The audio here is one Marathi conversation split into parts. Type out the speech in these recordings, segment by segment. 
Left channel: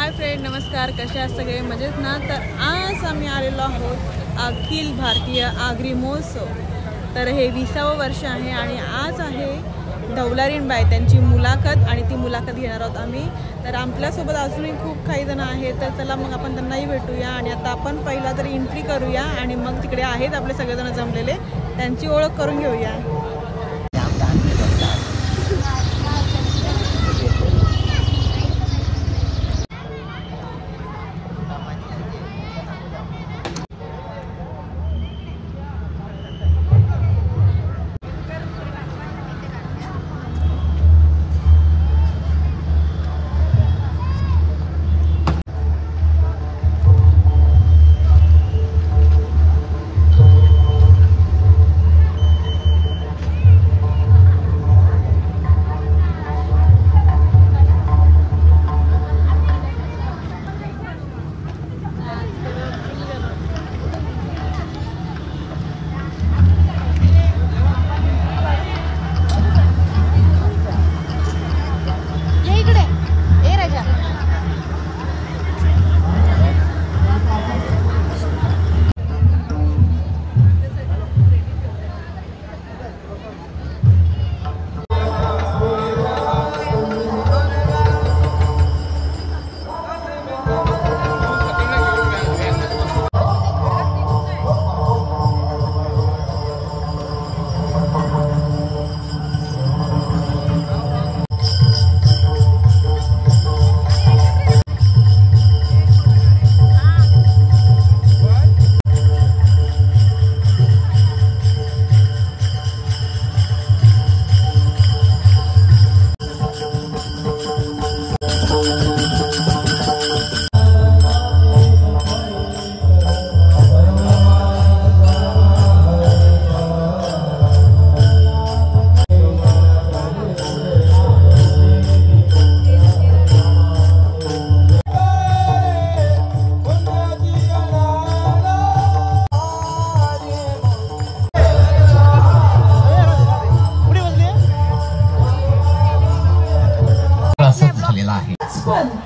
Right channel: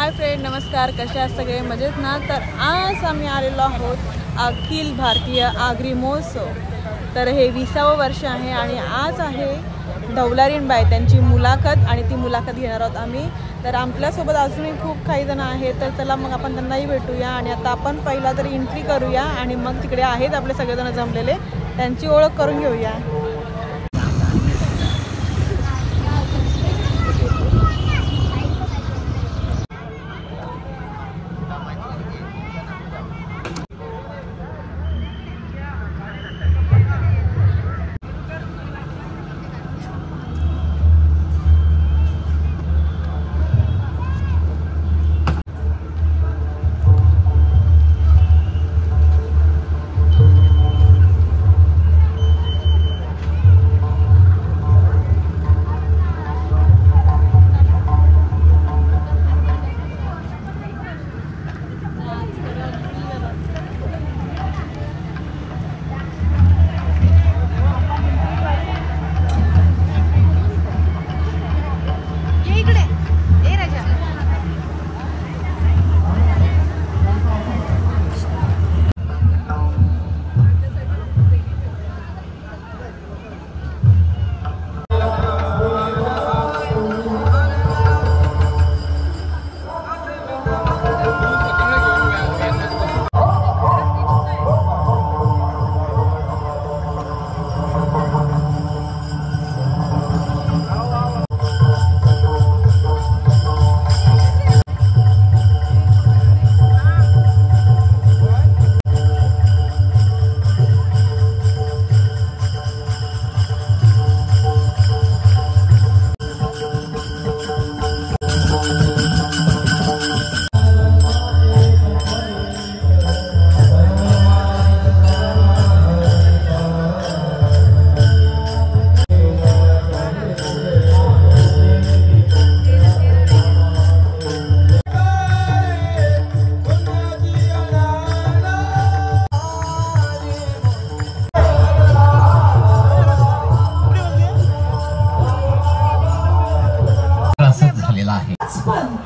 हाय फ्रेंड, नमस्कार. कसे आहात सगळे? मजेत ना? तर आज आम्ही आलेलो आहोत अखिल भारतीय आगरी महोत्सव. तर हे 20वे वर्ष आहे आणि आज आहे ढवलारीणबाई त्यांची मुलाखत आणि ती मुलाखत घेणार आहोत आम्ही. तर आपल्यासोबत अजूनही खूप काही जण आहेत, तर चला मग आपण त्यांनाही भेटूया. आणि आता आपण पहिला तरी एंट्री करूया आणि मग तिकडे आहेत आपले सगळेजण जमलेले, त्यांची ओळख करून घेऊया.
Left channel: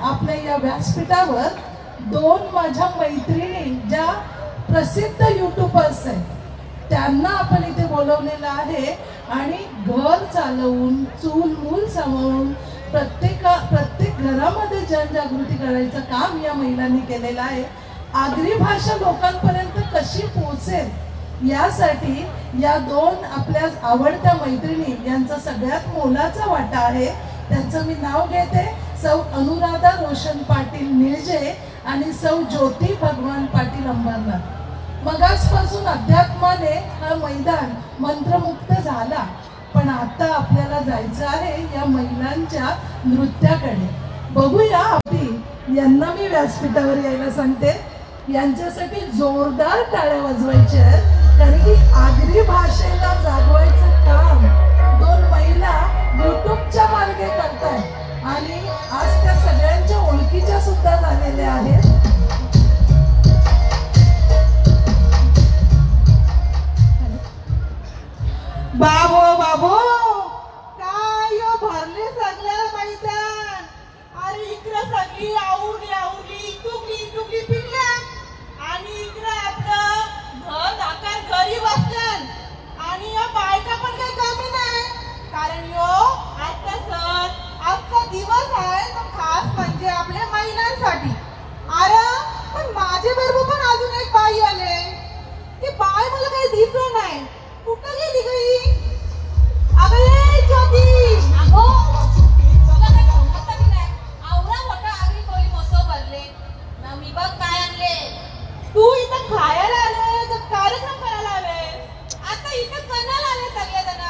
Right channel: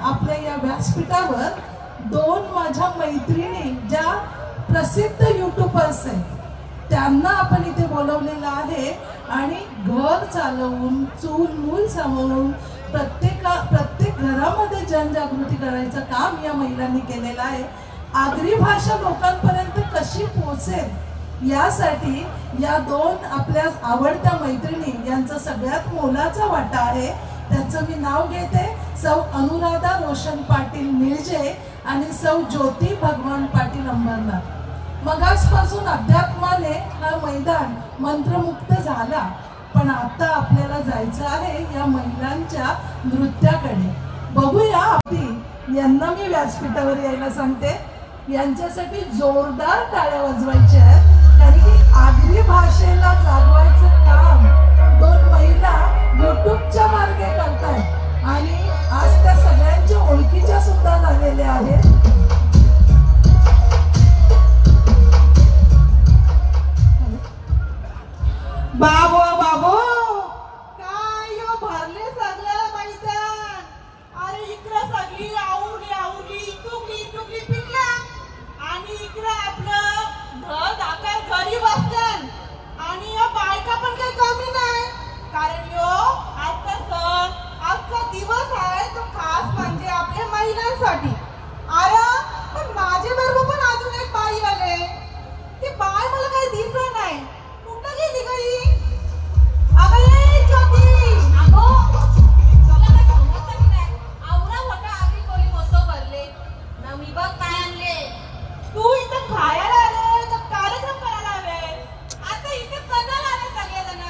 आपल्या या व्यासपीठावर दोन माझ्या मैत्रिणी ज्या प्रसिद्ध यूट्यूबर्स आहेत त्यांना आपण इथे बोलवलेलं आहे आणि घर चालवून चूल मूल सांभाळून प्रत्येक घरामध्ये जनजागृती करायचं काम या महिलांनी केलेलं आहे. आगरी भाषा लोकांपर्यंत कशी पोहोचेल यासाठी या दोन आपल्या आवडत्या मैत्रिणी यांचा सगळ्यात मोलाचा वाटा आहे. त्यांचं मी नाव घेते, सौ अनुराधा रोशन पाटील मिरजे आणि सौ ज्योती भगवान पाटील अंबारनाथ. मगासपासून अध्यात्माने हा मैदान मंत्रमुक्त झाला, पण आता आपल्याला जायचं आहे या महिलांच्या नृत्याकडे. बघूया. आपली यांना मी व्यासपीठावर यायला सांगते. यांच्यासाठी जोरदार टाळ्या वाजवायच्या आहेत, कारण की आगरी भाषेला जागवायचं काम दोन महिला युट्यूबच्या मार्गे करतात आणि आज त्या सगळ्यांच्या ओळखीच्या सुद्धा झालेल्या आहेत. बाबो बाबो काय भरले सगळं मैदान. अरे इकडं सगळी आवडी इटुकली पिल्ल्या आणि इकडं आपलं घर दाखल घरी बसलं आणि या बायका पण काही कमी नाही, कारण यो आजचा सण अख्खा दिवस आहे तो खास म्हणजे आपल्या महिलांसाठी. अरे पण माझे बरोबर पण अजून एक बाई आले. ती बाई मला काही दिसलं नाही. कुठं गेली गई? अगं ज्योती अगो सगळं काय समजत नाही. आवरा मोठा आगरी कोळी मस्त भरले ना. मी बघ काय आणले. तू इथं खायला आले तर कार्यक्रम करायला आले. आता इथं कणाला आले सगळेजण.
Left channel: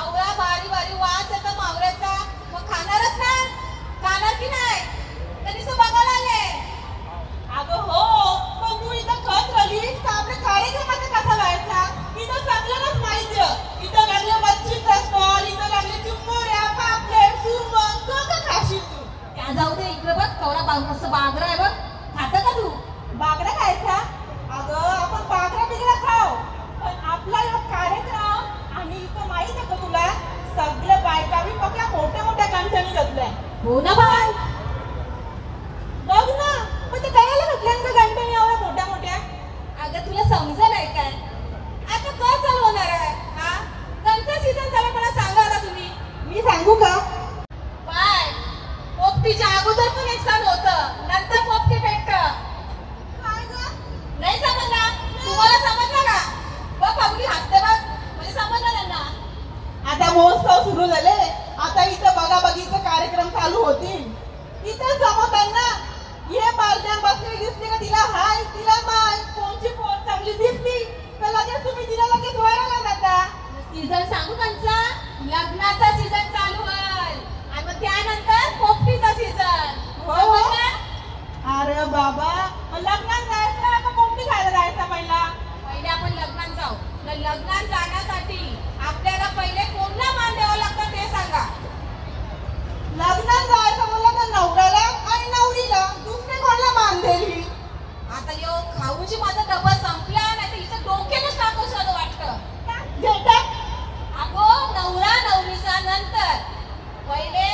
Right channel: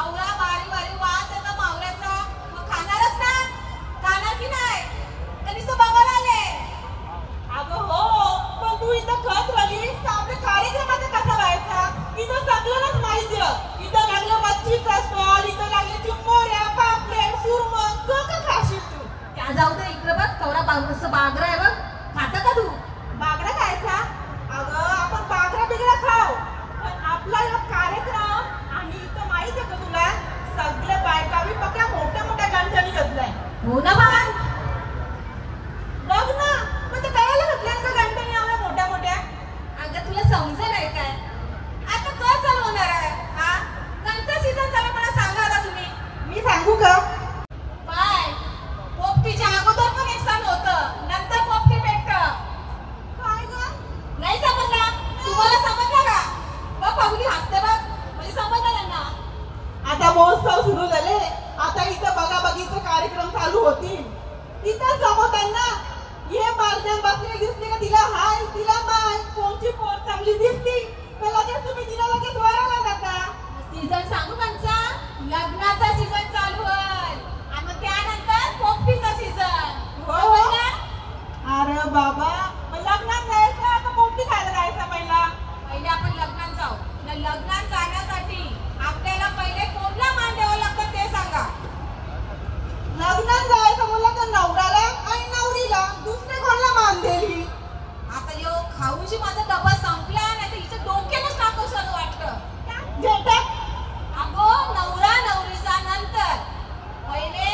आवरा बारी बारी वास येतो मावऱ्याचा, मग खाणारच ना. खाणार की नाही? त्यांनी तो बघायला आले. अगं हो, पण तू इथं खत राहिलीस तर आपल्या कार्यक्रमाचा कसा व्हायचा? इथं सगळ्यांनाच माहिती आहे. इथं लागले मच्छीचा स्टॉल, इथं लागले चिंबोऱ्या, पापलेट, सुरमई. तो का खाशील तू? त्या जाऊ दे. इकडे बघ कवरा मस्त बागरा आहे बघ. खाता का तू? बागरा खायचा? अगं आपण बागरा बिगरा खाऊ, पण आपला हा कार्यक्रम आणि इथं माहित आहे का तुला सगळे बायका बी बघा मोठ्या मोठ्या गांठ्यानी घेतलाय. हो ना बाय. बघ सुरू झाले. आता इथं बघाबघीचे कार्यक्रम चालू होतील. इथं जमवताना ये बारद्या बसली दिसली का तिला हाय तिला बाय कोणची पोट चांगली दिसली तर लगेच तुम्ही तिला लगेच वळायला लागता. सीझन सांगू त्यांचा लग्नाचा सीझन चालू आहे आणि मग त्यानंतर पोपटीचा सीझन. हो अरे बाबा लग्नात जायचं का पोपटी खायला जायचा पहिला? पहिले आपण लग्नात जाऊ. लग्नात जाण्यासाठी आपल्याला पहिले कोणला मान द्यावा लागतं ते सांगा. लग्नात जायचं म्हणलं तर नवऱ्याला आणि नवरीला दुसरे कोणाला मान दिली? आता यो खाऊची माझा डबा संपला नाही तर हिचं डोक्यालाच टाकूच असं वाटतं. भेटत अगो नवरा नवरीचा नंतर पहिले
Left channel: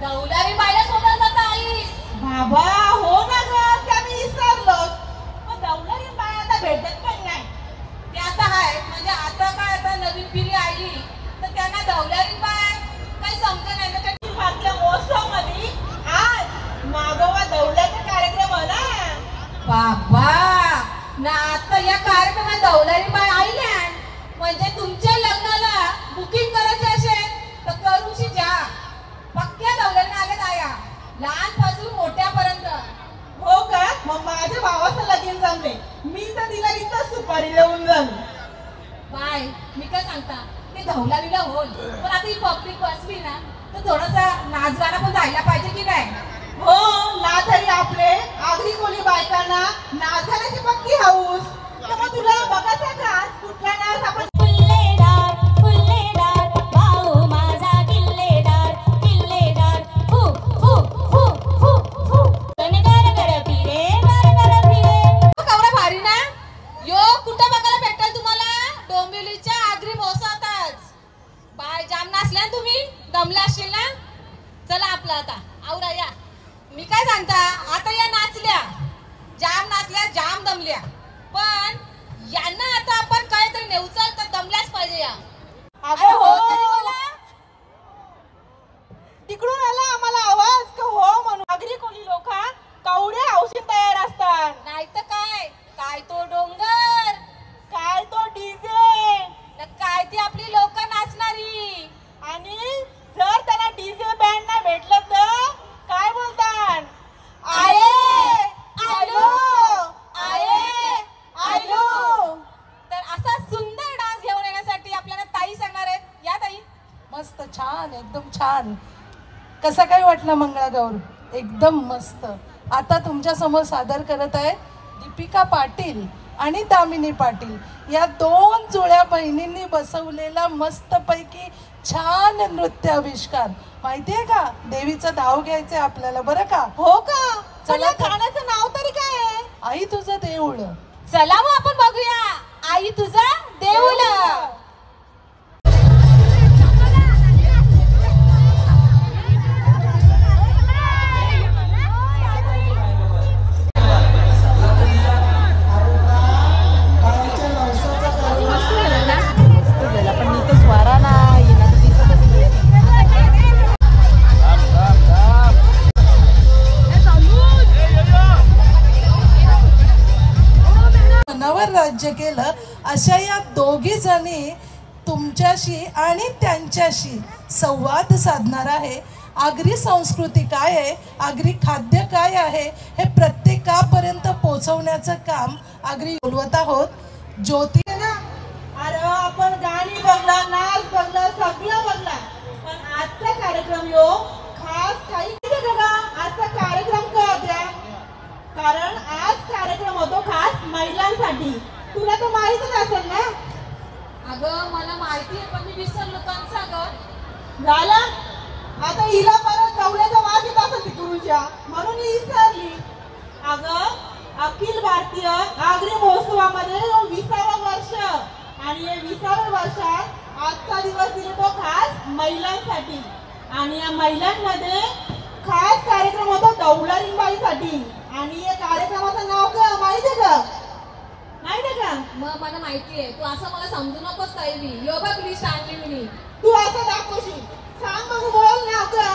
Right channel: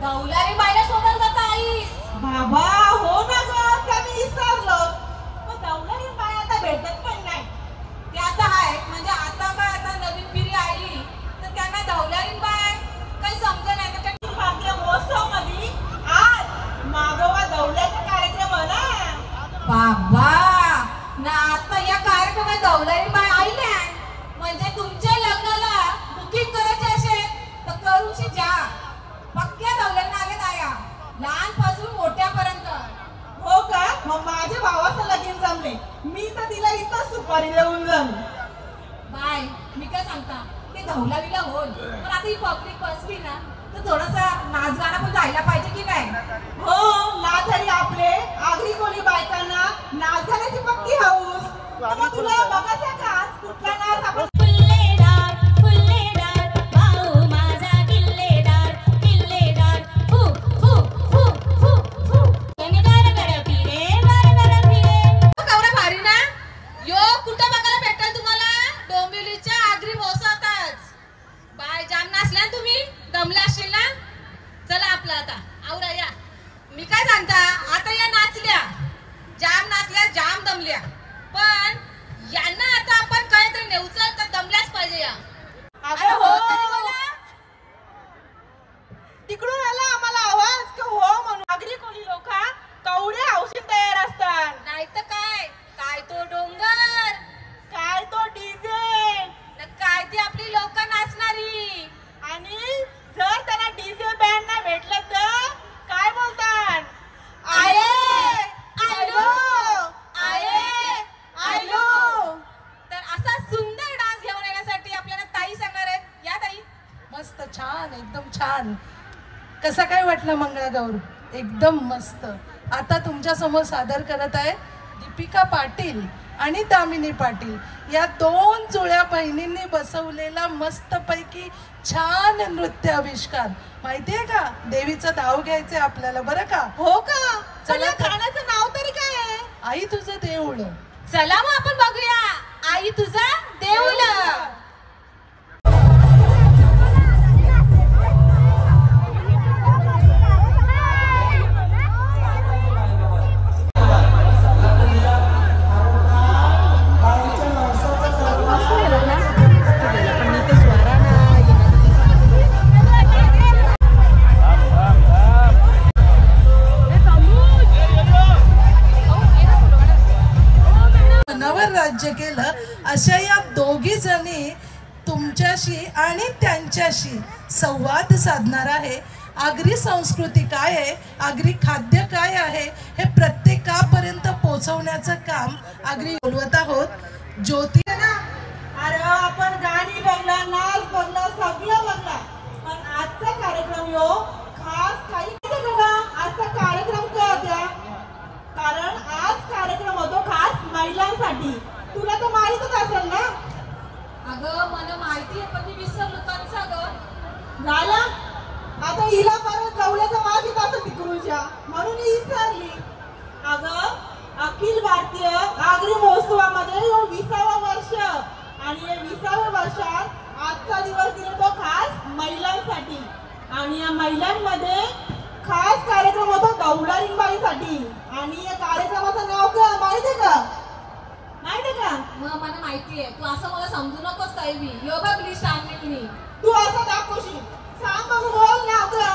दौलारी बायला सोडलं जातं आईस. बाबा हो ना ग त्या मी विसरलो. मग दौलारी बाय आता भेटत पण नाही. ते आता आहेत म्हणजे आता काय आता नवीन पिढी आली तर त्यांना दौलारी बाय काही समजत नाही. तर अखिल भारतीय महोत्सवामध्ये आज मागोवा दौल्याचा कार्यक्रम होणार. बाबा ना आता या कार्यक्रमात दौलारी बाय आल्या म्हणजे तुमच्या लग्नाला बुकिंग करायचे असेल तर करूची जा. पक्क्या दौलारी नागत आया लहानपासून मोठ्यापर्यंत. हो का? मग माझ्या भावाचं लगीन जमले. मी तर तिला इथं सुपारी देऊन जाऊ. बाय मी काय सांगता ते दौलारीला होल पण आता ही पब्लिक बसली ना तर थोडासा नाचगाणं पण जायला पाहिजे की काय? हो ना तरी आपले आगरी कोळी बायकांना नाचण्याची पक्की हौस. मग तुला बघायचं का आज कुठला नाच आपण मी काय सांगता आता या नाचल्या जाम दमल्या पण यांना आता आपण काहीतरी नेऊचाल तर दमल्याच पाहिजे या. अगं हो तिकडून आला आम्हाला आवाज का हो म्हणून. आगरी कोळी लोक कवडे हौशीत तयार असतात. नाही तर काय तो डोंगर काय तो डीजे काय ती आपली लोक नाचणारी. आणि जर त्याला डीजे बँड नाही भेटलं तर काय बोलतात? आये आयलो तर असा सुंदर डान्स घेऊन येण्यासाठी आपल्याला ताई सांगणार आहेत. या ताई. मस्त छान एकदम छान. कसं काय वाटलं मंगळागौर? एकदम मस्त. आता तुमच्या समोर सादर करत आहे दीपिका पाटील आणि दामिनी पाटील या दोन जुळ्या बहिणींनी बसवलेला मस्तपैकी छान नृत्य आविष्कार. माहितीये का देवीचं नाव घ्यायचंय आपल्याला बरं का? हो का? चला चला गाण्याचं नाव तरी काय आहे? आई तुझं देऊळ. चला मग आपण बघूया आई तुझा देऊळ. राज्य केलं अशा या दोघी जणी तुमच्याशी आणि त्यांच्याशी संवाद साधणार आहे. आगरी संस्कृती काय आहे, आगरी खाद्य काय आहे हे प्रत्येकापर्यंत पोहोचवण्याचं काम आगरी बोलवत आहोत. ज्योती अरे आपण गाणी बघला नाच बघला सगळं बघला पण आजचा कार्यक्रम यो खास काही आजचा कार्यक्रम का होत्या? कारण आज कार्यक्रम होतो खास महिलांसाठी. तुला तर माहितच असेल ना? अगं मला माहिती आहे पण मी विसरलो. कंचा ग झाला आता हिला परत गवल्याचा वास येत असं तिकडूनच्या म्हणून ही विसरली. अगं अखिल भारतीय आगरी महोत्सवामध्ये 20वा वर्ष आणि या 20व्या वर्षात आजचा दिवस दिला तो खास महिलांसाठी. आणि या महिलांमध्ये खास कार्यक्रम होतो दौलारीबाईसाठी. आणि या कार्यक्रमाचं नाव काय माहितीये का? माहितीये का? मग मला माहिती आहे. तू असं मला समजू नकोस काही मी योगा लिस्ट आणली मी. तू असं दाखवशील सांग बघू बोल ना का?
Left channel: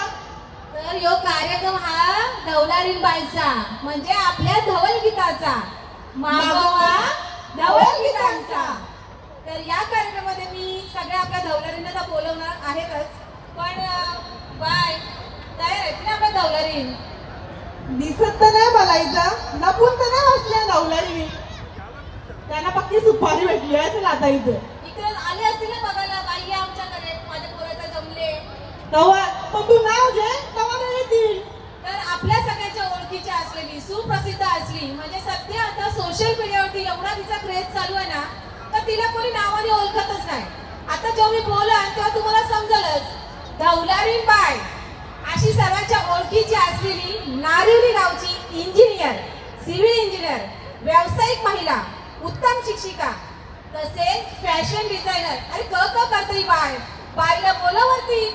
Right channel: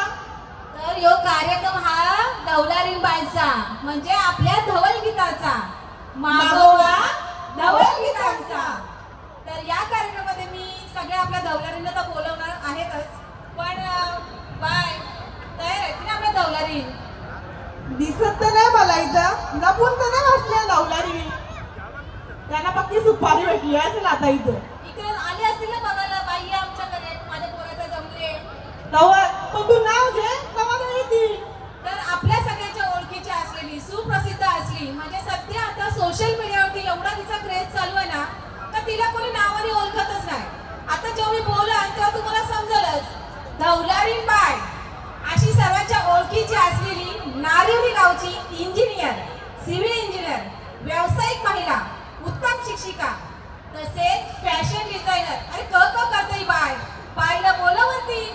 तर यो कार्यक्रम हा दौलारीन बाईचा म्हणजे आपल्या धवल गीताचा मागोवा धवल गीतांचा. तर या कार्यक्रमामध्ये मी सगळ्या आपल्या दौलारींना बोलवणार आहे. बाय तयार आहेत ना आपल्या दौलारी? दिसत तर नाही मला इथं, लपून तर नाही बसल्या नवलारी. त्यांना फक्त सुपारी भेटली असेल आता इथं. इकडे आले असतील ना बघायला, बाई आमच्याकडे माझ्या पोराचा जमले. पण तू नाव घे तेव्हा येतील. तर आपल्या सगळ्यांच्या ओळखीची असलेली सुप्रसिद्ध असली म्हणजे सध्या आता सोशल मीडियावरती एवढा तिचा क्रेज चालू आहे ना, तर तिला कोणी नावाने ओळखतच नाही. आता जेव्हा मी बोलाल तेव्हा तुम्हाला समजेलच. दौलारी बाय अशी सर्वांच्या ओळखीची असलेली नारिवली गावची इंजिनियर, सिव्हिल इंजिनियर, व्यावसायिक महिला, उत्तम शिक्षिका तसेच फॅशन डिझायनर. अरे करते ही बाय, बाईला बोलावरती.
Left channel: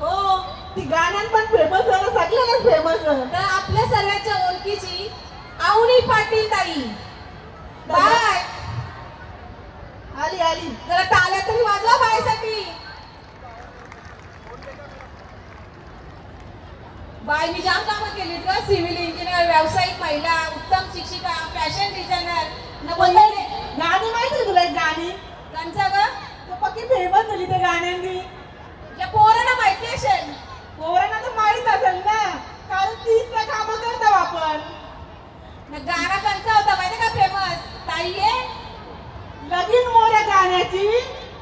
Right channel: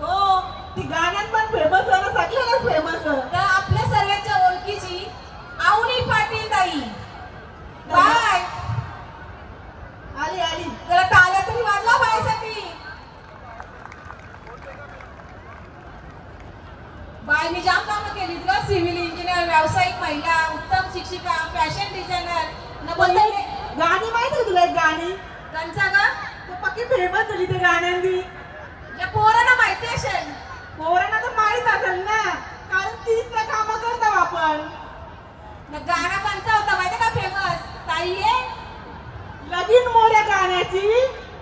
हो, ती गाण्यात पण फेमस आहे, सगळ्यांना फेमस आहे. तर आपल्या सर्वांच्या ओळखीची आवनी पाटील ताई बाय आली आली. जरा टाळ्या तरी वाजवा बाईसाठी. बाय मी जाम कामं केलीत ग. सिव्हिल इंजिनियर, व्यावसायिक महिला, उत्तम शिक्षिका, फॅशन डिझायनर. गाणी माहिती आहे तुला? एक गाणी त्यांचा ग तू पक्की फेमस झाली त्या गाण्यांनी. या पोरांना माहिती असेल. पोरांना तर माहित असेल ना, कारण तीच तर कामं करतो आपण. गाणं कोणता होता माहिती का फेमस? ताई ये लगीन मोऱ्या गाण्याची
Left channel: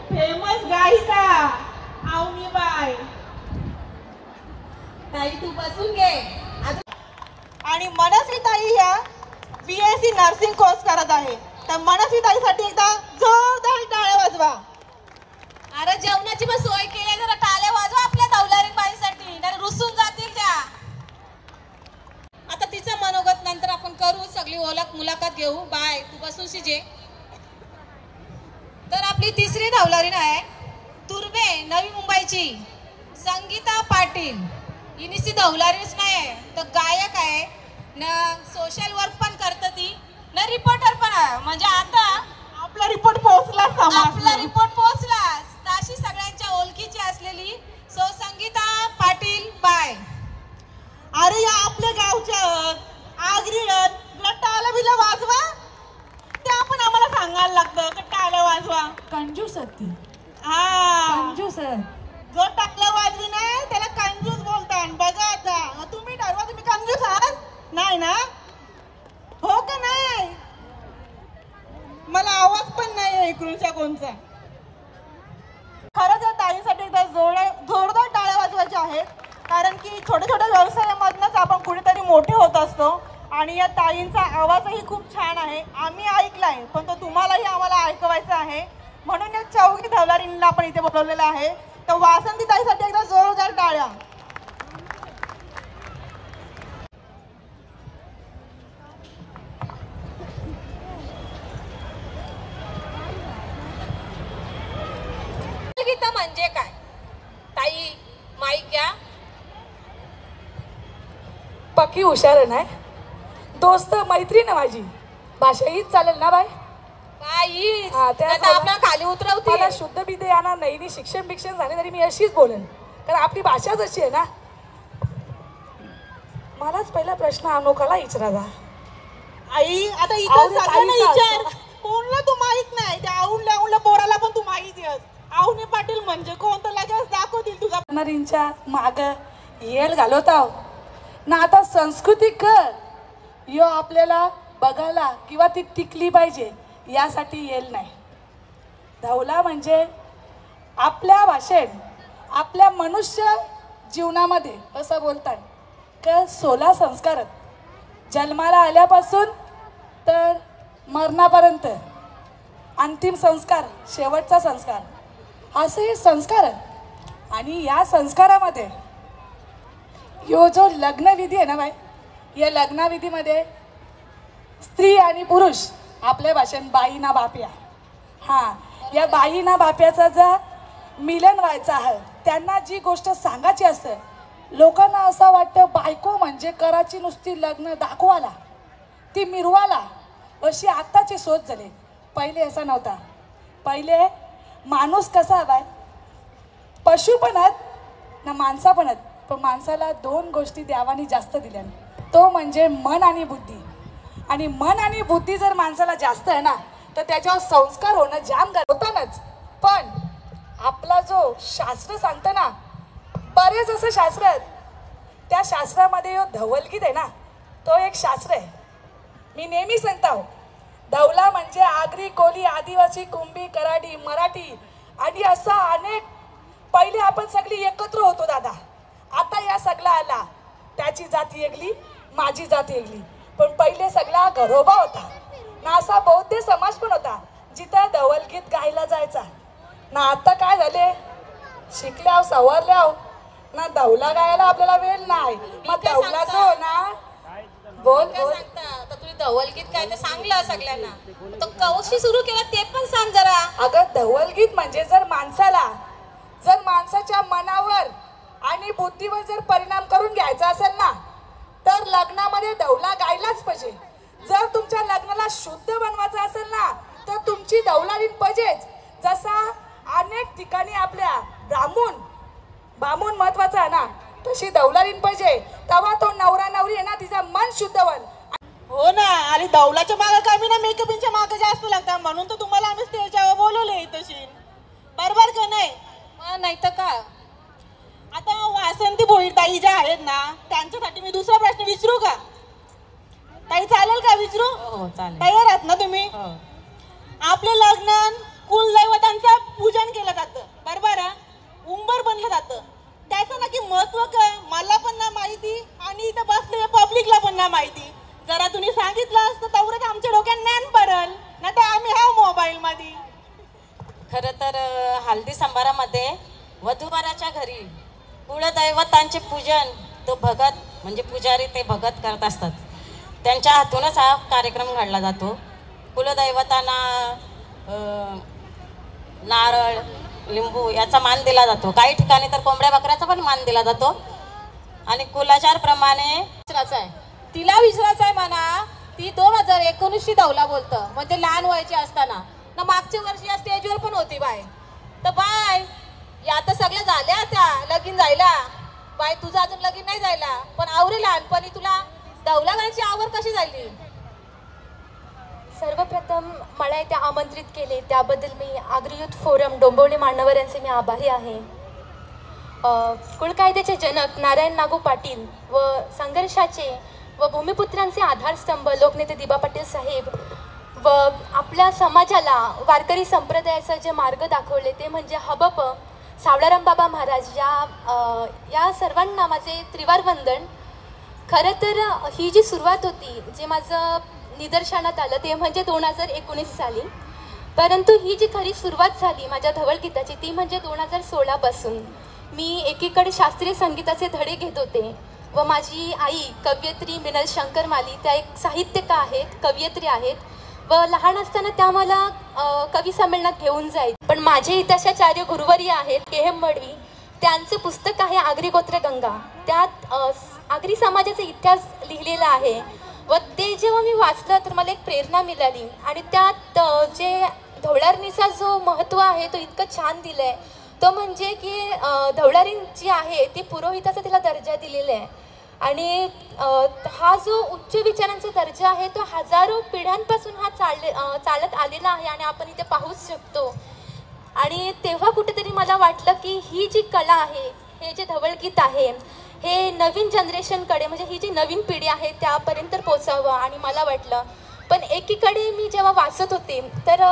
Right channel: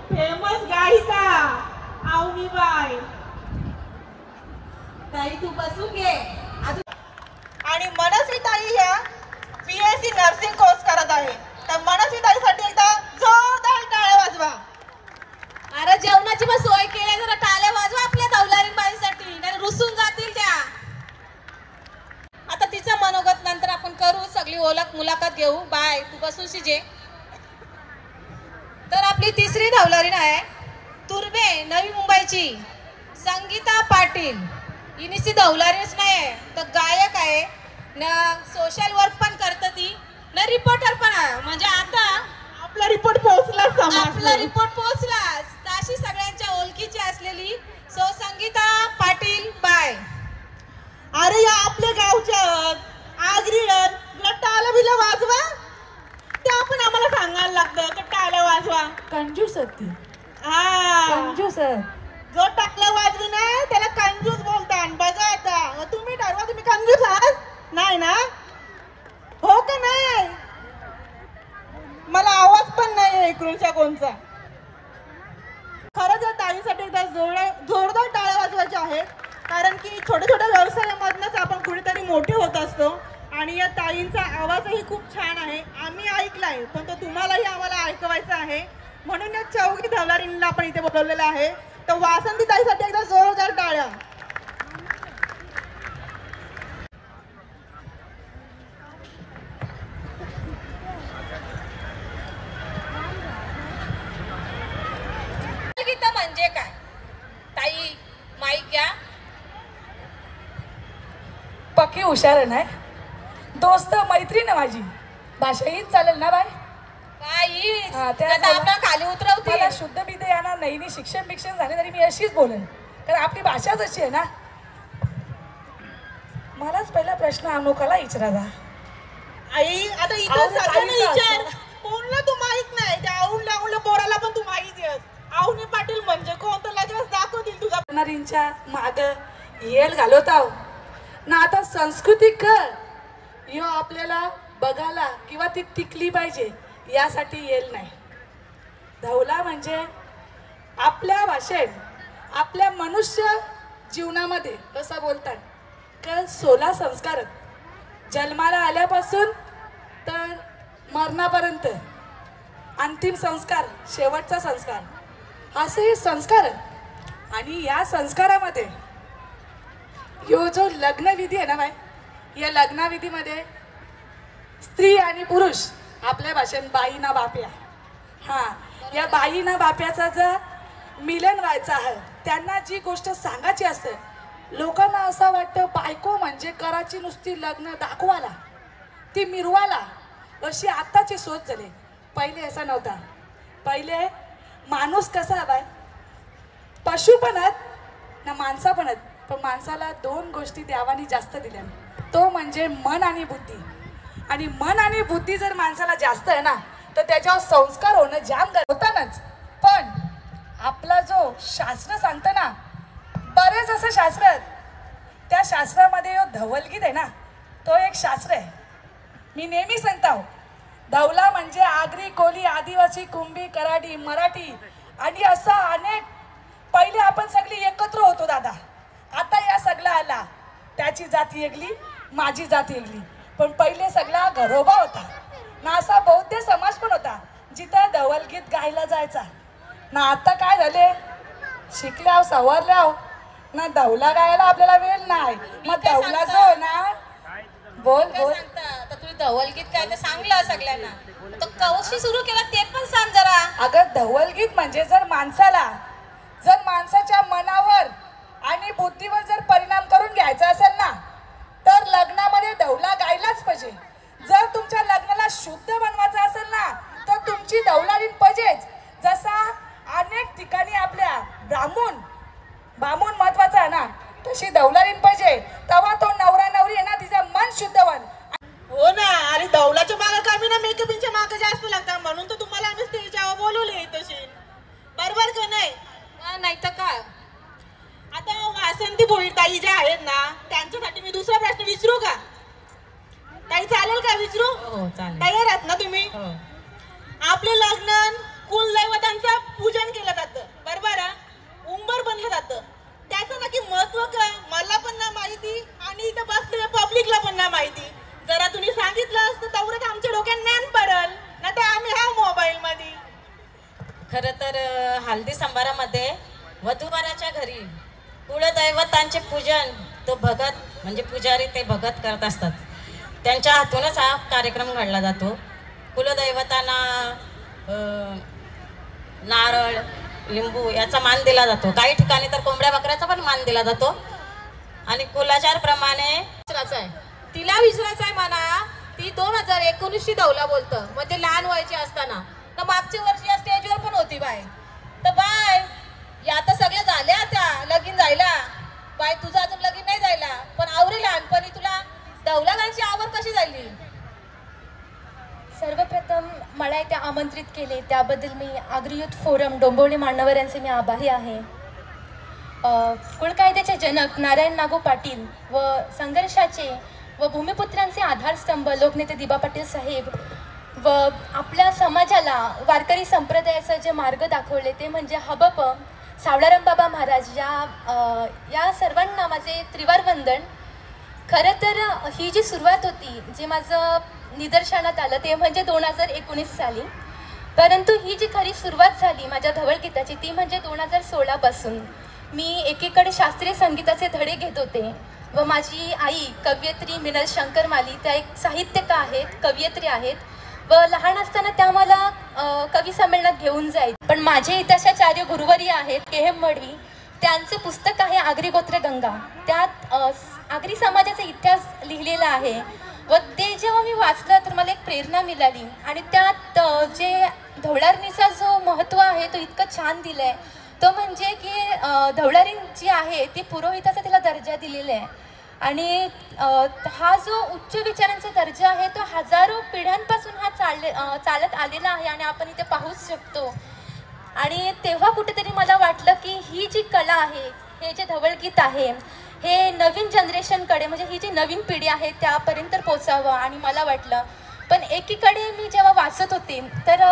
फेमस गायिका आवनी बाय. ताई तू बसून घे. आणि मनस्वी ताई ह्या BSc नर्सिंग कोर्स करत आहे. तर मनस्वी ताईसाठी एकदा जोरदार टाळ्या वाजवा. अरे जेवणाची पण सोय केली, जरा टाळ्या वाजवा आपल्या दौलारी बाईसाठी, नाही रुसून जातील त्या. आता तिचं मनोगत नंतर आपण करू, सगळी ओळख मुलाखत घेऊ. बाय तू बसून शिजे. तर आपली तिसरी दौलारीण आहे तुर्बे, नवी मुंबईची संगीता पाटील. ही नुसती दौलारीच नाही तर गायक आहे न, सोशल वर्क पण करते ती न, रिपोर्टर पण आहे. म्हणजे आता आपला रिपोर्ट पोहोचला, आपला रिपोर्ट पोहोचलाच. अशी सगळ्यांच्या ओळखीची असलेली संगीता पाटील बाय. अरे या आपल्या गावच्या आगरी टाळ्या बिला वाजवा. ते आपण आम्हाला सांगायला लागतं की टाळ्या वाजवा. कंजूस ती. हा, कंजूस आहे. जो टाकला वाजवी नाही त्याला कंजूस बोलतात. बघा आता तुम्ही ठरवा, तुम्ही कंजूस आहात नाही ना? हो का नाही? मला आवाज पण नाही इकडूनच्या कोणचा. खरंच या ताईसाठी एकदा जोरदार टाळ्या वाजवायच्या आहेत, कारण की छोट्या छोट्या व्यवसायामधनच आपण कुठेतरी मोठे होत असतो. आणि या ताईंचा आवाजही खूप छान आहे. आम्ही ऐकलाय, पण तो तुम्हालाही आम्हाला ऐकवायचा आहे. म्हणून या चौघी दौलारींना आपण इथे बोलवलेलं आहे. तर वासंती ताईसाठी एकदा जोरदार टाळ्या. गीत म्हणजे काय? ताई माईक घ्या. पक्की हुशार नाही, दोस्त मैत्रीण आहे माझी. भाषा हीच चालेल ना बाय? काही आता आपल्या खाली उतरवते. मला शुद्ध विद्या येणार नाही, शिक्षण बिक्षण झाले तरी मी अशीच बोलेन, कारण आपली भाषाच अशी आहे ना. मलाच पहिला प्रश्न अनोखाला विचारायचा. आई आता इथं सगळ्यांना विचार, कोणला तू माहित नाही? त्या आवडल्या पोराला पण तू माहित आहेस. आवनी पाटील म्हणजे कोण तर लगेच दाखवतील तुझ्या. करणारींच्या माग येल घालवताव ना. आता सांस्कृतिक यो आपल्याला बघायला किंवा ती टिकली पाहिजे यासाठी येल नाही. धवला म्हणजे आपल्या भाषेत, आपल्या मनुष्य जीवनामध्ये कसं बोलतात का 16 संस्कार, जन्माला आल्यापासून तर मरणापर्यंत, अंतिम संस्कार, शेवटचा संस्कार, असे हे संस्कार. आणि या संस्कारामध्ये ह्यो जो लग्नविधी आहे ना बाय, या लग्नविधीमध्ये स्त्री आणि पुरुष, आपल्या भाषेत बाई ना बाप्या, हा या बाई ना बाप्याचा जर मिलन व्हायचं आहे, त्यांना जी गोष्ट सांगायची असते, लोकांना असं वाटतं बायको म्हणजे कराची नुसती लग्न दाखवाला, ती मिरवाला, अशी आत्ताची सोच झाली. पहिले असा नव्हता. पहिले माणूस कसा हवाय, पशु पण आहेत ना माणसा पण आहेत, पण माणसाला 2 गोष्टी देवानी जास्त दिल्या, तो म्हणजे मन आणि बुद्धी. आणि मन आणि बुद्धी जर माणसाला जास्त आहे ना, तर त्याच्यावर संस्कार होणं जाम होतानच. पण आपला जो शास्त्र सांगतं ना, बरेच असे शास्त्र आहेत. त्या शास्त्रामध्ये धवलगीत आहे ना, तो एक शास्त्र आहे. मी नेहमी सांगतो, धवला म्हणजे आगरी, कोली, आदिवासी, कुंभी, कराडी, मराठी आणि असा अनेक. पहिले आपण सगळी एकत्र होतो दादा. आता या सगळा आला, त्याची जाती वेगळी, माझी जाती वेगळी. पण पहिले सगळा घरोबा होता ना, असा बौद्ध समाज पण होता जिथं धवलगीत गायला जायचा ना. आता काय झाले, शिकल्याव सवरल्याव ना धवला गायला आपल्याला वेळ नाही. मग धवला जो ना, बोल बोल. तर तुम्ही धवलगीत काय ते सांगलं सगळ्यांना, तर कशी सुरू केला ते पण सांग जरा. अगं धवलगीत म्हणजे जर माणसाच्या मनावर आणि बुद्धीवर जर परिणाम करून घ्यायचा असेल ना, तर लग्नामध्ये धवला गायलाच पाहिजे. जर तुमच्या लग्नाला शुद्ध बनवायचं असेल ना, तर तुमची धवलारीन पाहिजेच. जसा अनेक ठिकाणी आपल्या बामून महत्वाचा आहे ना, तशी धवलारीन पाहिजे. तेव्हा तो नवरा नवरी आहे ना, तिचं मन शुद्ध बन. हो ना. आणि दौलाच्या मागे कमी ना, मेकअपच्या मागे जास्त लागतात. म्हणून तर तुम्हाला आम्ही स्टेजवर बोलवले तशी. बरोबर का नाही? नाही तर काय. आता वासंती भोईर ताई ज्या आहेत ना, त्यांच्यासाठी मी दुसरा प्रश्न विचारू का ताई? चालेल का विचारू? हो चालेल. तयार आहात ना तुम्ही? आपले लग्न कुलदैवतांचं पूजन केलं जातं, बरोबर आहे? उंबर बनलं जातं. त्याचं नक्की महत्व का मला पण ना माहिती आणि इथं बसलेल्या पब्लिकला पण ना माहिती. जरा तुम्ही सांगितलं असतं तेवढंच आमच्या डोक्यात ज्ञान पडल ना, तर आम्ही हा मोबाईल मध्ये. खरं तर हल्दी समारंभामध्ये वधूवराच्या घरी कुलदैवतांचे पूजन तो भगत म्हणजे पुजारी ते भगत करत असतात. त्यांच्या हातूनच हा कार्यक्रम घडला जातो. कुलदैवतांना नारळ, लिंबू याचा मान दिला जातो. काही ठिकाणी तर कोंबड्या बकऱ्याचा पण मान दिला जातो. आणि कुलाचार प्रमाणे तिला विचारायचं आहे म्हणा. ती 2019 धवला बोलतं, म्हणजे लहान वयाची असताना ना. मागच्या वर्षी या स्टेजवर पण होती बाय. तर बाय या आता सगळ्या झाल्या त्या लगीन जायला. बाय तुझं अजून लगीन नाही जायला, पण आवरी लहानपणी तुला धवला गायची आवड कशी झाली? सर्वप्रथम मला इथे आमंत्रित केले त्याबद्दल मी आगरी युथ फोरम डोंबिवली मान्यवर यांचे मी आभारी आहे. कुळकायद्याचे जनक नारायण नागू पाटील व संघर्षाचे व भूमिपुत्रांचे आधारस्तंभ लोकनेते दिबा पाटील साहेब व आपल्या समाजाला वारकरी संप्रदायाचा जे मार्ग दाखवले ते म्हणजे हबप सावळाराम बाबा महाराज या सर्वांना माझे त्रिवार वंदन. खरं तर ही जी सुरुवात होती, जे माझं निदर्शनात आलं ते म्हणजे 2019 साली. परंतु ही जी खरी सुरुवात झाली माझ्या धवलगीताची ती म्हणजे 2016 पासून. मी एकीकडे शास्त्रीय संगीताचे धडे घेत होते व माझी आई कवयित्री मिनल शंकर माली, त्या एक साहित्यिका आहेत, कवयित्री आहेत व लहान असताना त्या मला कवी संमेलनात घेऊन जाईल. पण माझे इतिहासाचार्य गुरुवर्य आहेत केहेम मडवी, त्यांचं पुस्तक आहे आगरी गोत्र गंगा. त्यात आगरी समाजाचा इतिहास लिहिलेला आहे व ते जेव्हा मी वाचलं तर मला एक प्रेरणा मिळाली. आणि त्यात जे धवलारणीचा जो महत्त्व आहे तो इतकं छान दिलं आहे. तो म्हणजे की धवलारीण जी आहे ती पुरोहिताचा तिला दर्जा दिलेला आहे. आणि हा जो उच्च विचारांचा दर्जा आहे तो हजारो पिढ्यांपासून हा चालत आलेला आहे आणि आपण इथे पाहूच शकतो. आणि तेव्हा कुठेतरी मला वाटलं की ही जी कला आहे, हे जे धवलगीत आहे, हे नवीन जनरेशनकडे म्हणजे ही जी नवीन पिढी आहे त्यापर्यंत पोचावं. आणि मला वाटलं, पण एकीकडे मी जेव्हा वाचत होते तर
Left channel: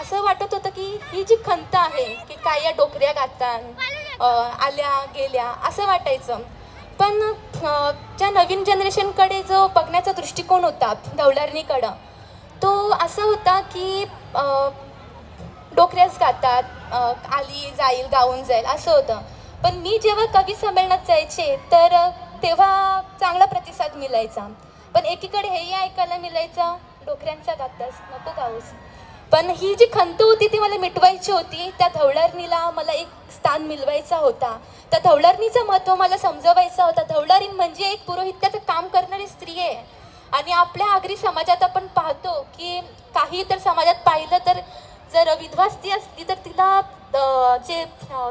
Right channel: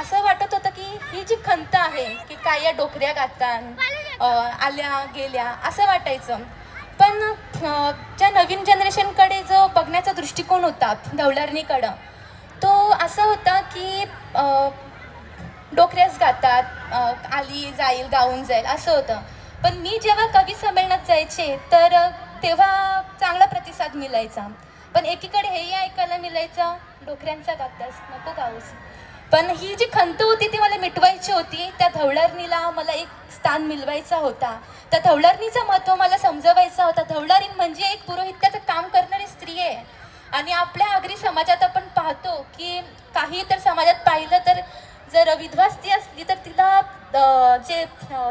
असं वाटत होतं की ही जी खंत आहे की काय या डोकऱ्या गातात आल्या गेल्या असं वाटायचं. पण ज्या नवीन जनरेशनकडे जो बघण्याचा दृष्टिकोन होता धवलारणीकडं, तो असा होता की डोकऱ्याच गातात, आली जाईल गाऊन जाईल असं होतं. पण मी जेव्हा कवी संमेलनात जायचे तर तेव्हा चांगला प्रतिसाद मिळायचा. पण एकीकडे हेही ऐकायला मिळायचं, डोकऱ्यांचा गातास नको गाऊस. पण ही जी खंत होती ती मला मिटवायची होती. त्या धवलारणीला मला एक स्थान मिळवायचा होता. त्या धवलारणीचं महत्त्व मला समजवायचं होतं. धवलारीण म्हणजे एक पुरोहित्याचं काम करणारी स्त्री आहे. आणि आपल्या आगरी समाजात आपण पाहतो की काही तर समाजात पाहिलं तर जर विधवा स्त्री असली तर तिला जे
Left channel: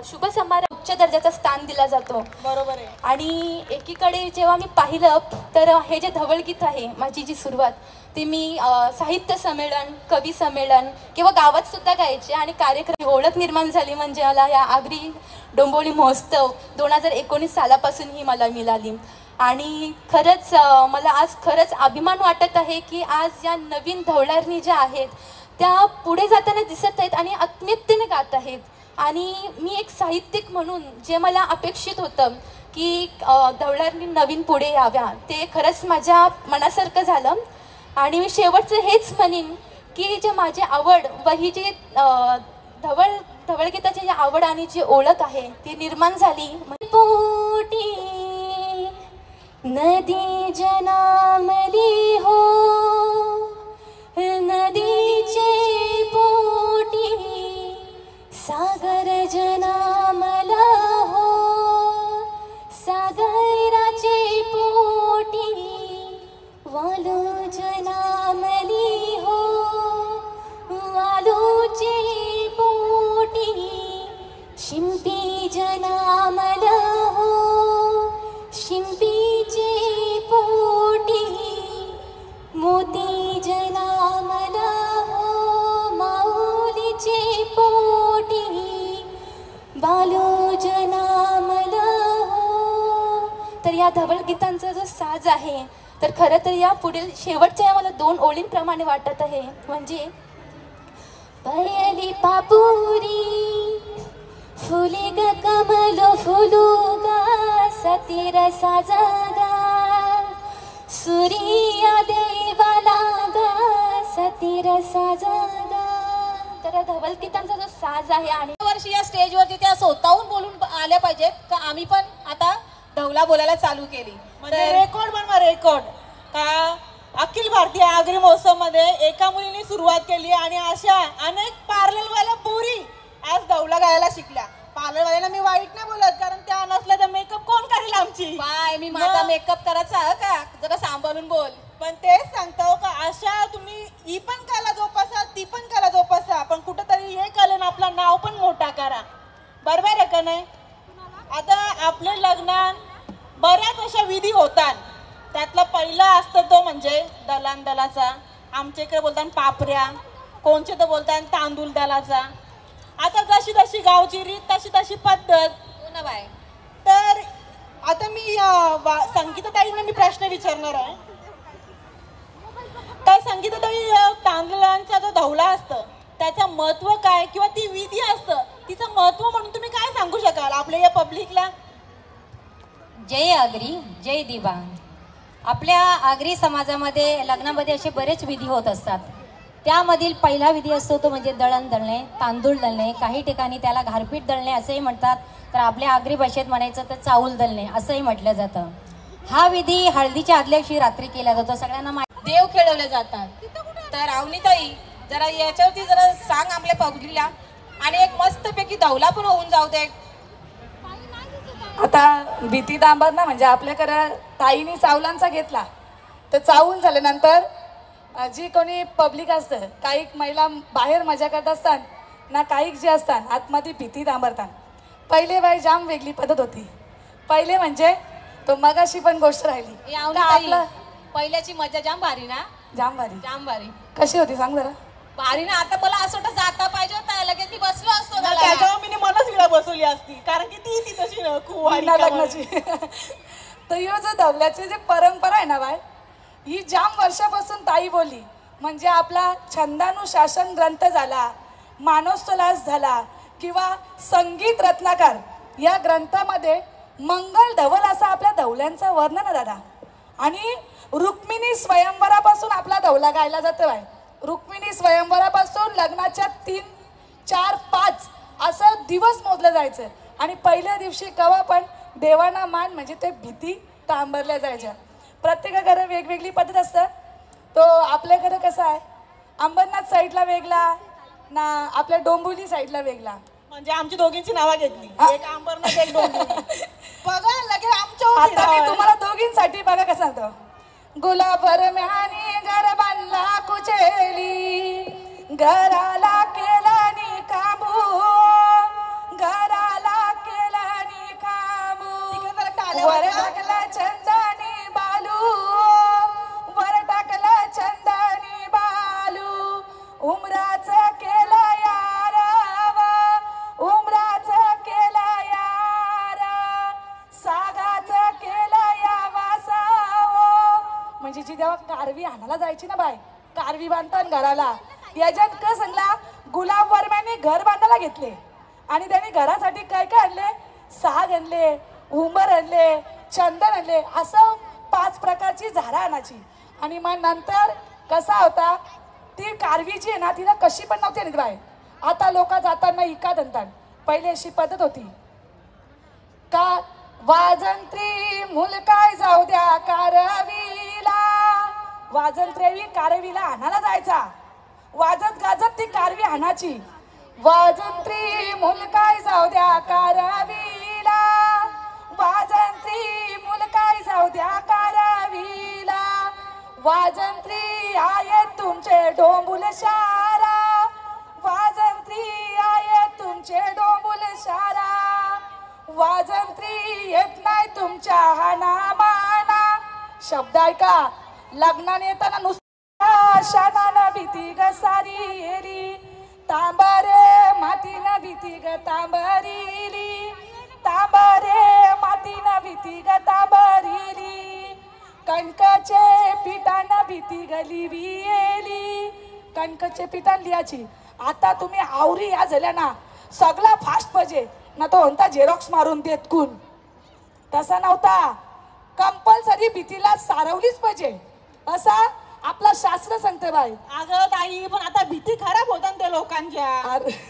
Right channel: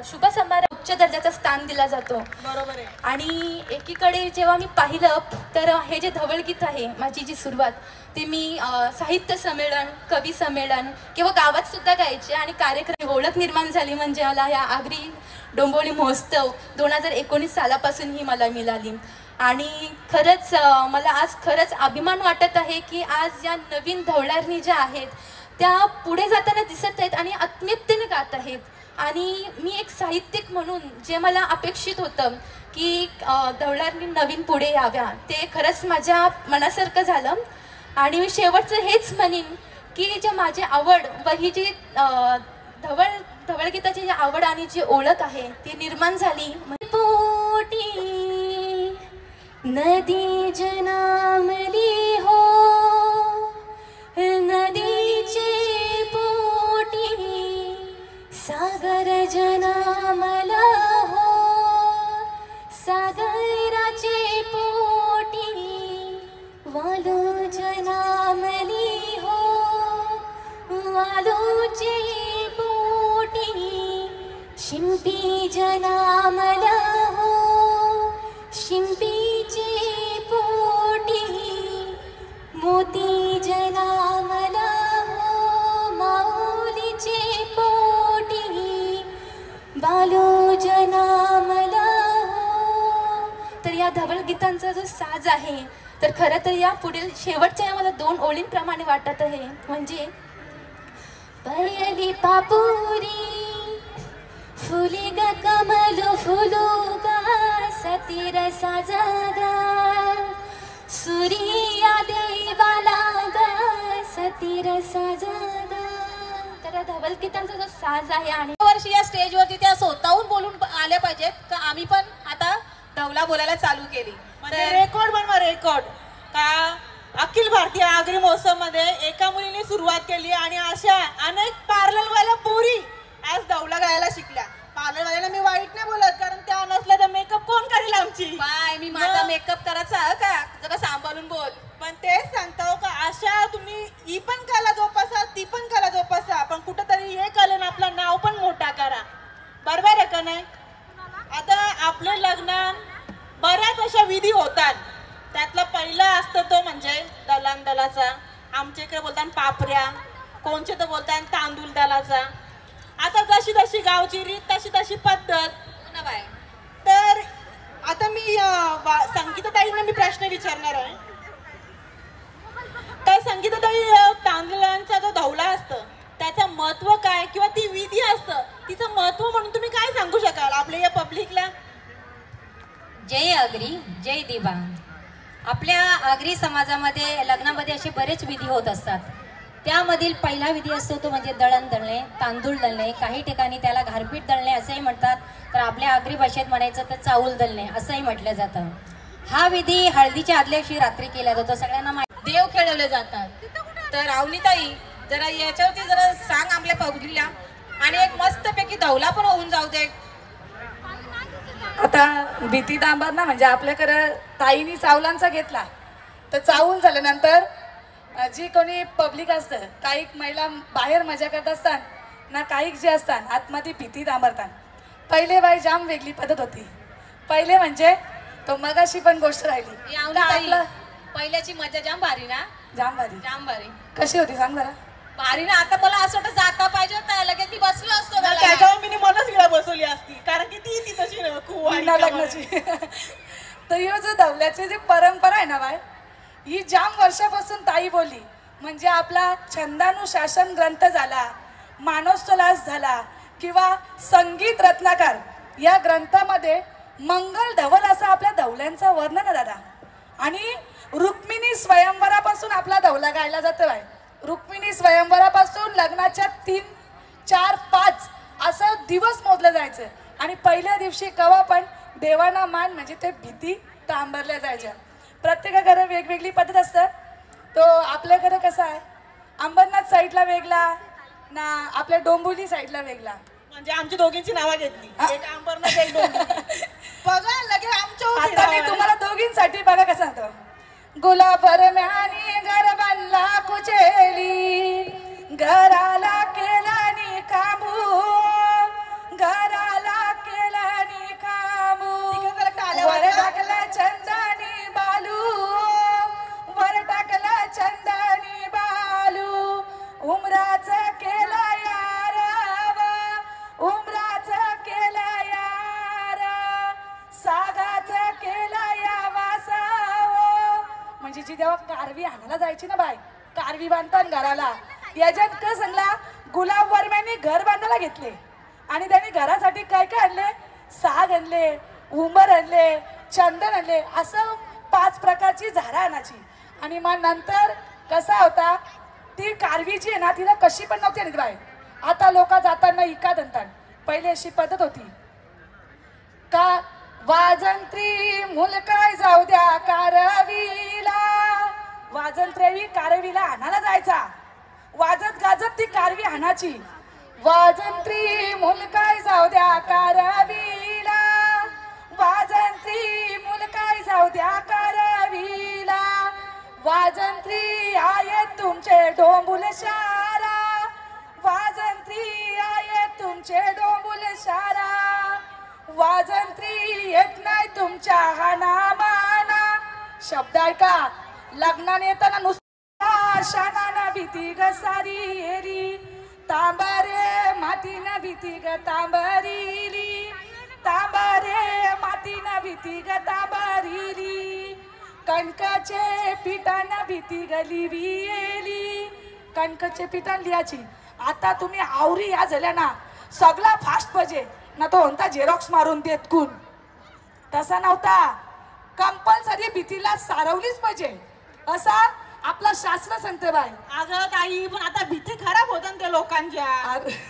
शुभ समारंभ उच्च दर्जाचं स्थान दिला जातो. बरोबर आहे. आणि एकीकडे जेव्हा मी पाहिलं तर हे जे धवळगीत आहे माझी जी सुरुवात ती मी साहित्य संमेलन, कवी संमेलन किंवा गावात सुद्धा गायचे आणि कार्यक्रम ओळख निर्माण झाली म्हणजे मला या आगरी डोंबिवली महोत्सव 2019 सालापासून ही मला मिळाली. आणि खरंच मला आज खरंच अभिमान वाटत आहे की आज या नवीन धवळारणी ज्या आहेत त्या पुढे जाताना दिसत आहेत आणि आत्मीयतेने गात आहेत. आणि मी एक साहित्यिक म्हणून जे मला अपेक्षित होतं की धवळारणी नवीन पुढे याव्या ते खरंच माझ्या मनासारखं झालं. आणि मी शेवटचं हेच म्हणेन की जे माझी आवड व ही जी धवळगीताची जी आवड आणि जी ओळख आहे ती निर्माण झाली. पोटी नदी जनामली हो, नदीचे पोटी सागर जनामला हो, सागराचे पोटी वालू जनामली हो, वालूचे पोटी शिंपी जनामला हो, शिंपीचे पोटी मोती जनामला हो, माऊलीचे पोटी बालू जनामला हो. तर या धवळगीतांचा जो साज आहे तर खरं तर या पुढील शेवटच्या मला 2 ओळींप्रमाणे वाटत आहे म्हणजे पयली पापुरी फुले ग कमलो फुलू गा सतीर साजागा सूर्या देवाला गा सतीर साजागा. तर धवळगीतांचा जो साज आहे आणि वर्षी या स्टेजवरती त्या स्वतःहून बोलून आल्या पाहिजेत का आम्ही पण आता धवला बोलायला चालू केली म्हणजे रेकॉर्ड बनवा रेकॉर्ड का अखिल भारतीय आगरी महोत्सव मध्ये एका मुलीने सुरुवात केली आणि अशा अनेक पार्लरवाल्या पोरी आज धवला गायला शिकल्या. पार्लरवाल्याला मी वाईट नाही बोलत कारण त्या नसल्या तर मेकअप कोण करेल आमची. बाय मी माझा मेकअप करायचा का जरा सांभाळून बोल. पण तेच सांगतो का अशा तुम्ही ही पण कला जोपासा ती पण कला जोपासा पण कुठेतरी हे कलन आपलं नाव पण मोठा करा. बरोबर आहे का नाही. आता आपले लग्नात बऱ्याच अशा विधी होतात त्यातला पहिला असतो तो म्हणजे दलान दलाचा. आमच्या इकडे बोलतात पापऱ्या, कोणचे तर बोलतात तांदूळ दलाचा. आता जशी जशी गावची रीत तशी तशी पद्धत. तर आता मी संगीताताईंना मी प्रश्न विचारणार आहे. काय संगीताताई तांदळांचा जो धवला असतं त्याचं महत्व काय किंवा ती विधी असतं तिचं महत्व म्हणून तुम्ही काय सांगू शकाल आपल्या या पब्लिकला. जय आगरी जय दिवा. आपल्या आगरी समाजामध्ये लग्नामध्ये असे बरेच विधी होत असतात. त्यामधील पहिला विधी असतो तो म्हणजे दळण दळणे, तांदूळ दळणे, काही ठिकाणी त्याला घारपीट दळणे असंही म्हणतात. तर आपल्या आगरी भाषेत म्हणायचं तर चाऊल दळणे असंही म्हटलं जातं. हा विधी हळदीच्या आदल्या दिवशी रात्री केला जातो. सगळ्यांना देव खेळवले जातात. तर अवनीताई जरा याच्यावरती जरा सांग आपल्या पब्लिकला आणि एक मस्तपैकी धवला पण होऊन जाऊ दे. आता भीती दांबर ना म्हणजे आपल्याकडे ताईनी चावलांचा घेतला तर चावून झाल्यानंतर जी कोणी पब्लिक असतं काही महिला बाहेर मजा करत असतात ना काही जे असतात आतमध्ये भीती दांबरतात. पहिले बाई जाम वेगळी पद्धत होती. पहिले म्हणजे तो मगाशी पण गोष्ट राहिली आपलं पहिल्याची मजा जाम भारी ना. जाम भारी. जाम भारी कशी होती सांग जरा. भारी ना. आता मला असं वाटतं जाता पाहिजे होतं लगेच मी बसलो असतो ना. त्याच्यावर मी मनच विळा बसवली असती कारण की ती तशी लग्नाची. तर ही जो धवल्याची जी परंपरा आहे ना बाय ही जाम वर्षापासून ताई बोलली म्हणजे आपला छंदानुशासन ग्रंथ झाला, मानसोल्लास झाला किंवा संगीत रत्नाकर या ग्रंथामध्ये मंगल धवल असं आपल्या धवल्यांचं वर्णन आहे दादा. आणि रुक्मिणी स्वयंवरापासून आपला धवला गायला जातो बाय. रुक्मिणी स्वयंवरापासून लग्नाच्या 3, 4, 5 असं दिवस मोजलं जायचं. आणि पहिल्या दिवशी कवा पण देवाना मान म्हणजे ते भीती तांबरल्या जायच्या. प्रत्येकाकडे वेगवेगळी पद्धत असतं. तो आपल्याकडे कसं आहे अंबरनाथ साईडला वेगळा ना आपल्या डोंबिवली साईडला वेगळा. म्हणजे आमची दोघींची नावं घेतली एक अंबरनाथ एक डोंबिवली. बघा लगेच आता मी तुम्हाला दोघींसाठी बघा कसं सांगतो. गुलाबर म्यानी घर बांधला कुचेली घराला केला नि काबू वर टाकला चंदनी बालू, वर टाकला चंदनी बालू, उमराच केला यारावा, उमराच केला यारा, सागाच केला या वासावो. म्हणजे जी जेव्हा कारवी आणायला जायची ना बाय, कारवी बांधतात घराला, याच्यात का सांगला गुलाब वर्म्याने घर बांधायला घेतले आणि त्याने घरासाठी काय काय आणले, साग आणले, उंबर आणले, चंदन आणले, असं 5 प्रकारची झाडं आणायची. आणि मग नंतर कसा होता, ती कारवी जी आहे ना तिला कशी पण नव्हती आणत बाय. आता लोक जाताना इका आणतात, पहिले अशी पद्धत होती का वाजंत्री मुलकाय जाऊ द्या कारवीला, वाजंत्री कारवीला आणायला जायचा, वाजत गाजत ती कारवी आणायची. वाजंत्री मुलकाय जाऊ द्या कारवीला, वाजंत्री मुलकाय जाऊ द्या कारवीला, वाजंत्री आहेत तुमचे डोंबुल शारा, वाजंत्री आहेत तुमचे डोंबुल शारा, वाजंत्री येत नाही तुमच्या हानामाना. शब्द ऐका, लग्नाने येताना नुसता शानाना भीती ग सारी येरी, तांबारे मातीना भीती ग तांबरीली, तांबारे मातीना भीती ग तांबरीली, कणकाचे पिठाना भीती ग लिविली, कणकाचे पिठान लिहायची. आता तुम्ही आवरी या झाल्या ना, सगळा फास्ट पाहिजे ना, तो म्हणता झेरॉक्स मारून देत कोण, तसा नव्हता. कंपल्सरी भीतीला सारवलीच पाहिजे असा आपला शास्त्र सांगते बाई. अगं ताई, पण आता भीती खराब होतात त्या लोकांच्या.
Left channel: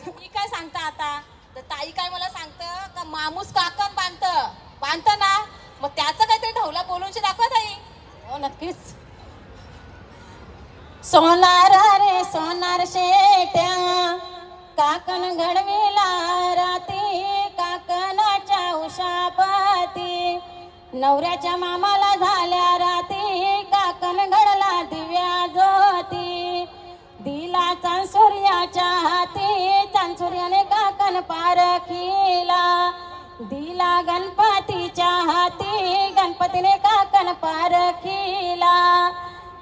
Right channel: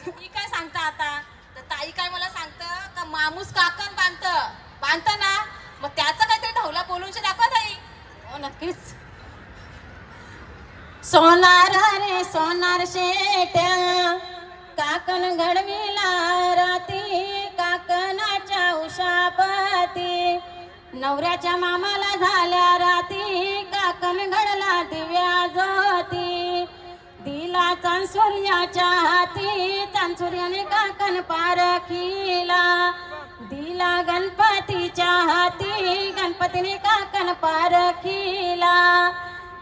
मी काय सांगता आता, तर ताई काय मला सांगतं का मामूस काकण बांधत ना, मग त्याचं काहीतरी ढवला बोलून दाखवा ताई. हो नक्कीच. सोनार रे सोनार शेट्या, काकण घडविला राती, काकणाच्या उशापती, नवऱ्याच्या मामाला झाल्या राती, काकण घडला दिव्या ज्योती, दिला चांसुर्याच्या हाती, चांसुर्याने काकण पारखीला, दिला गणपतीच्या हाती, गणपतीने काकण पारखीला,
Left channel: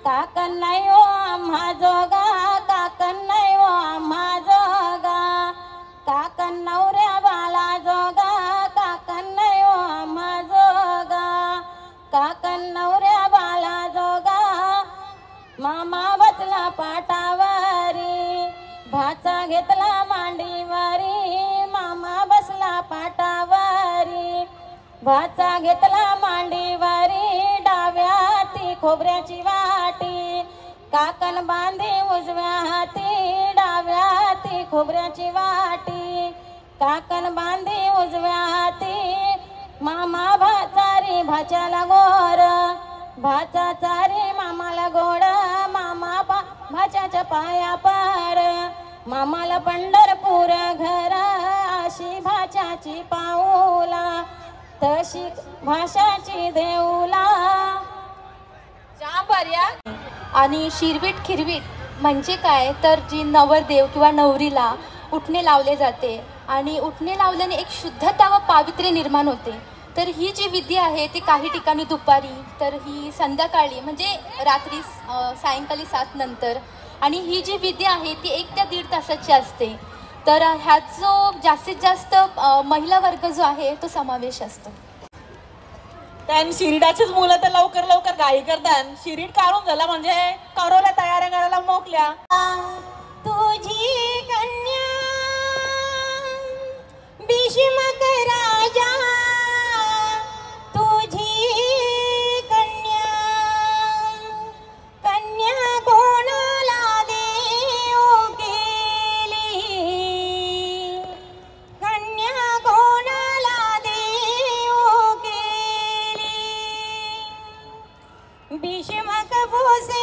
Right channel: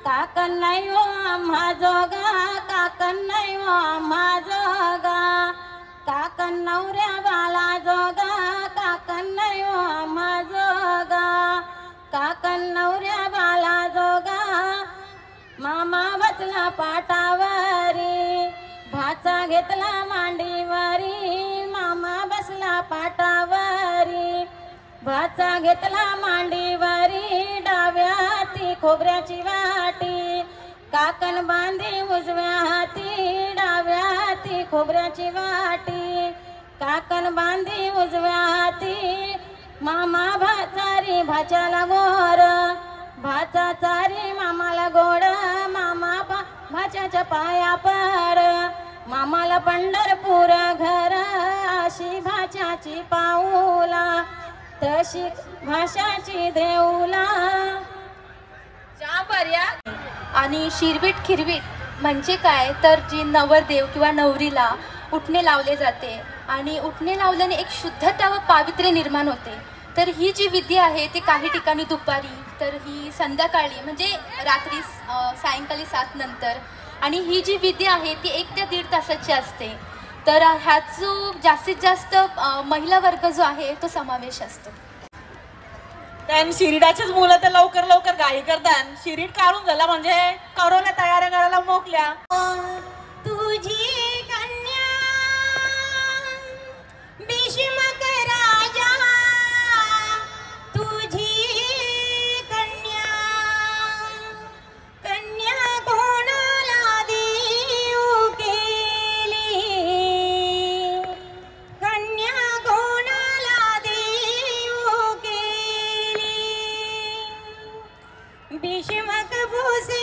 काकण नाही हो आम्हा जोगा, काकण नाही हो आम्हा जोगा, काकण नवऱ्या बाला जोगा, काकण नाही हो आम्हा जोगा, काकण नवऱ्या बाला जोगा, मामा बसला पाटावारी, भाचा घेतला मांडीवारी, मामा बसला पाटावारी, भाचा घेतला मांडीवारी, डाव्या हाती खोबऱ्याची वाटी, काकण बांधे उजव्या हाती, डाव्या हाती खोबऱ्याची वाटी, काकण बांधे उजव्या हाती, मामा भाचारी भाच्याला गोर, भाचा चारी मामाला गोड, मामा भाच्याच्या पाया पार, मामाला पंढरपूर घर, अशी भाच्याची पाऊला, तशी भाषाची देऊला. आणि शिरवीट खिरवीट म्हणजे काय तर जी नवरदेव किंवा नवरीला उठणे लावले जाते आणि उठणे लावल्याने एक शुद्धता व पावित्र्य निर्माण होते. तर ही जी विधी आहे ती काही ठिकाणी दुपारी, तर ही संध्याकाळी म्हणजे रात्री सायंकाळी 7 नंतर, आणि ही जी विधी आहे ती 1 ते 1.5 तासाची असते. तर ह्यात जो जास्तीत जास्त महिला वर्ग जो आहे तो समावेश असतो. त्यान शिरीडाचीच मुलं तर लवकर लवकर घाई करतात. शिरीड काढून झाला म्हणजे करोला तयारी करायला मोकल्या. तुझी कन्या भीष्मक राजा, तुझी कन्या कन्या कोणाला देऊ केली, कन्या कोणाला देऊ केली, भीष्मक भोसे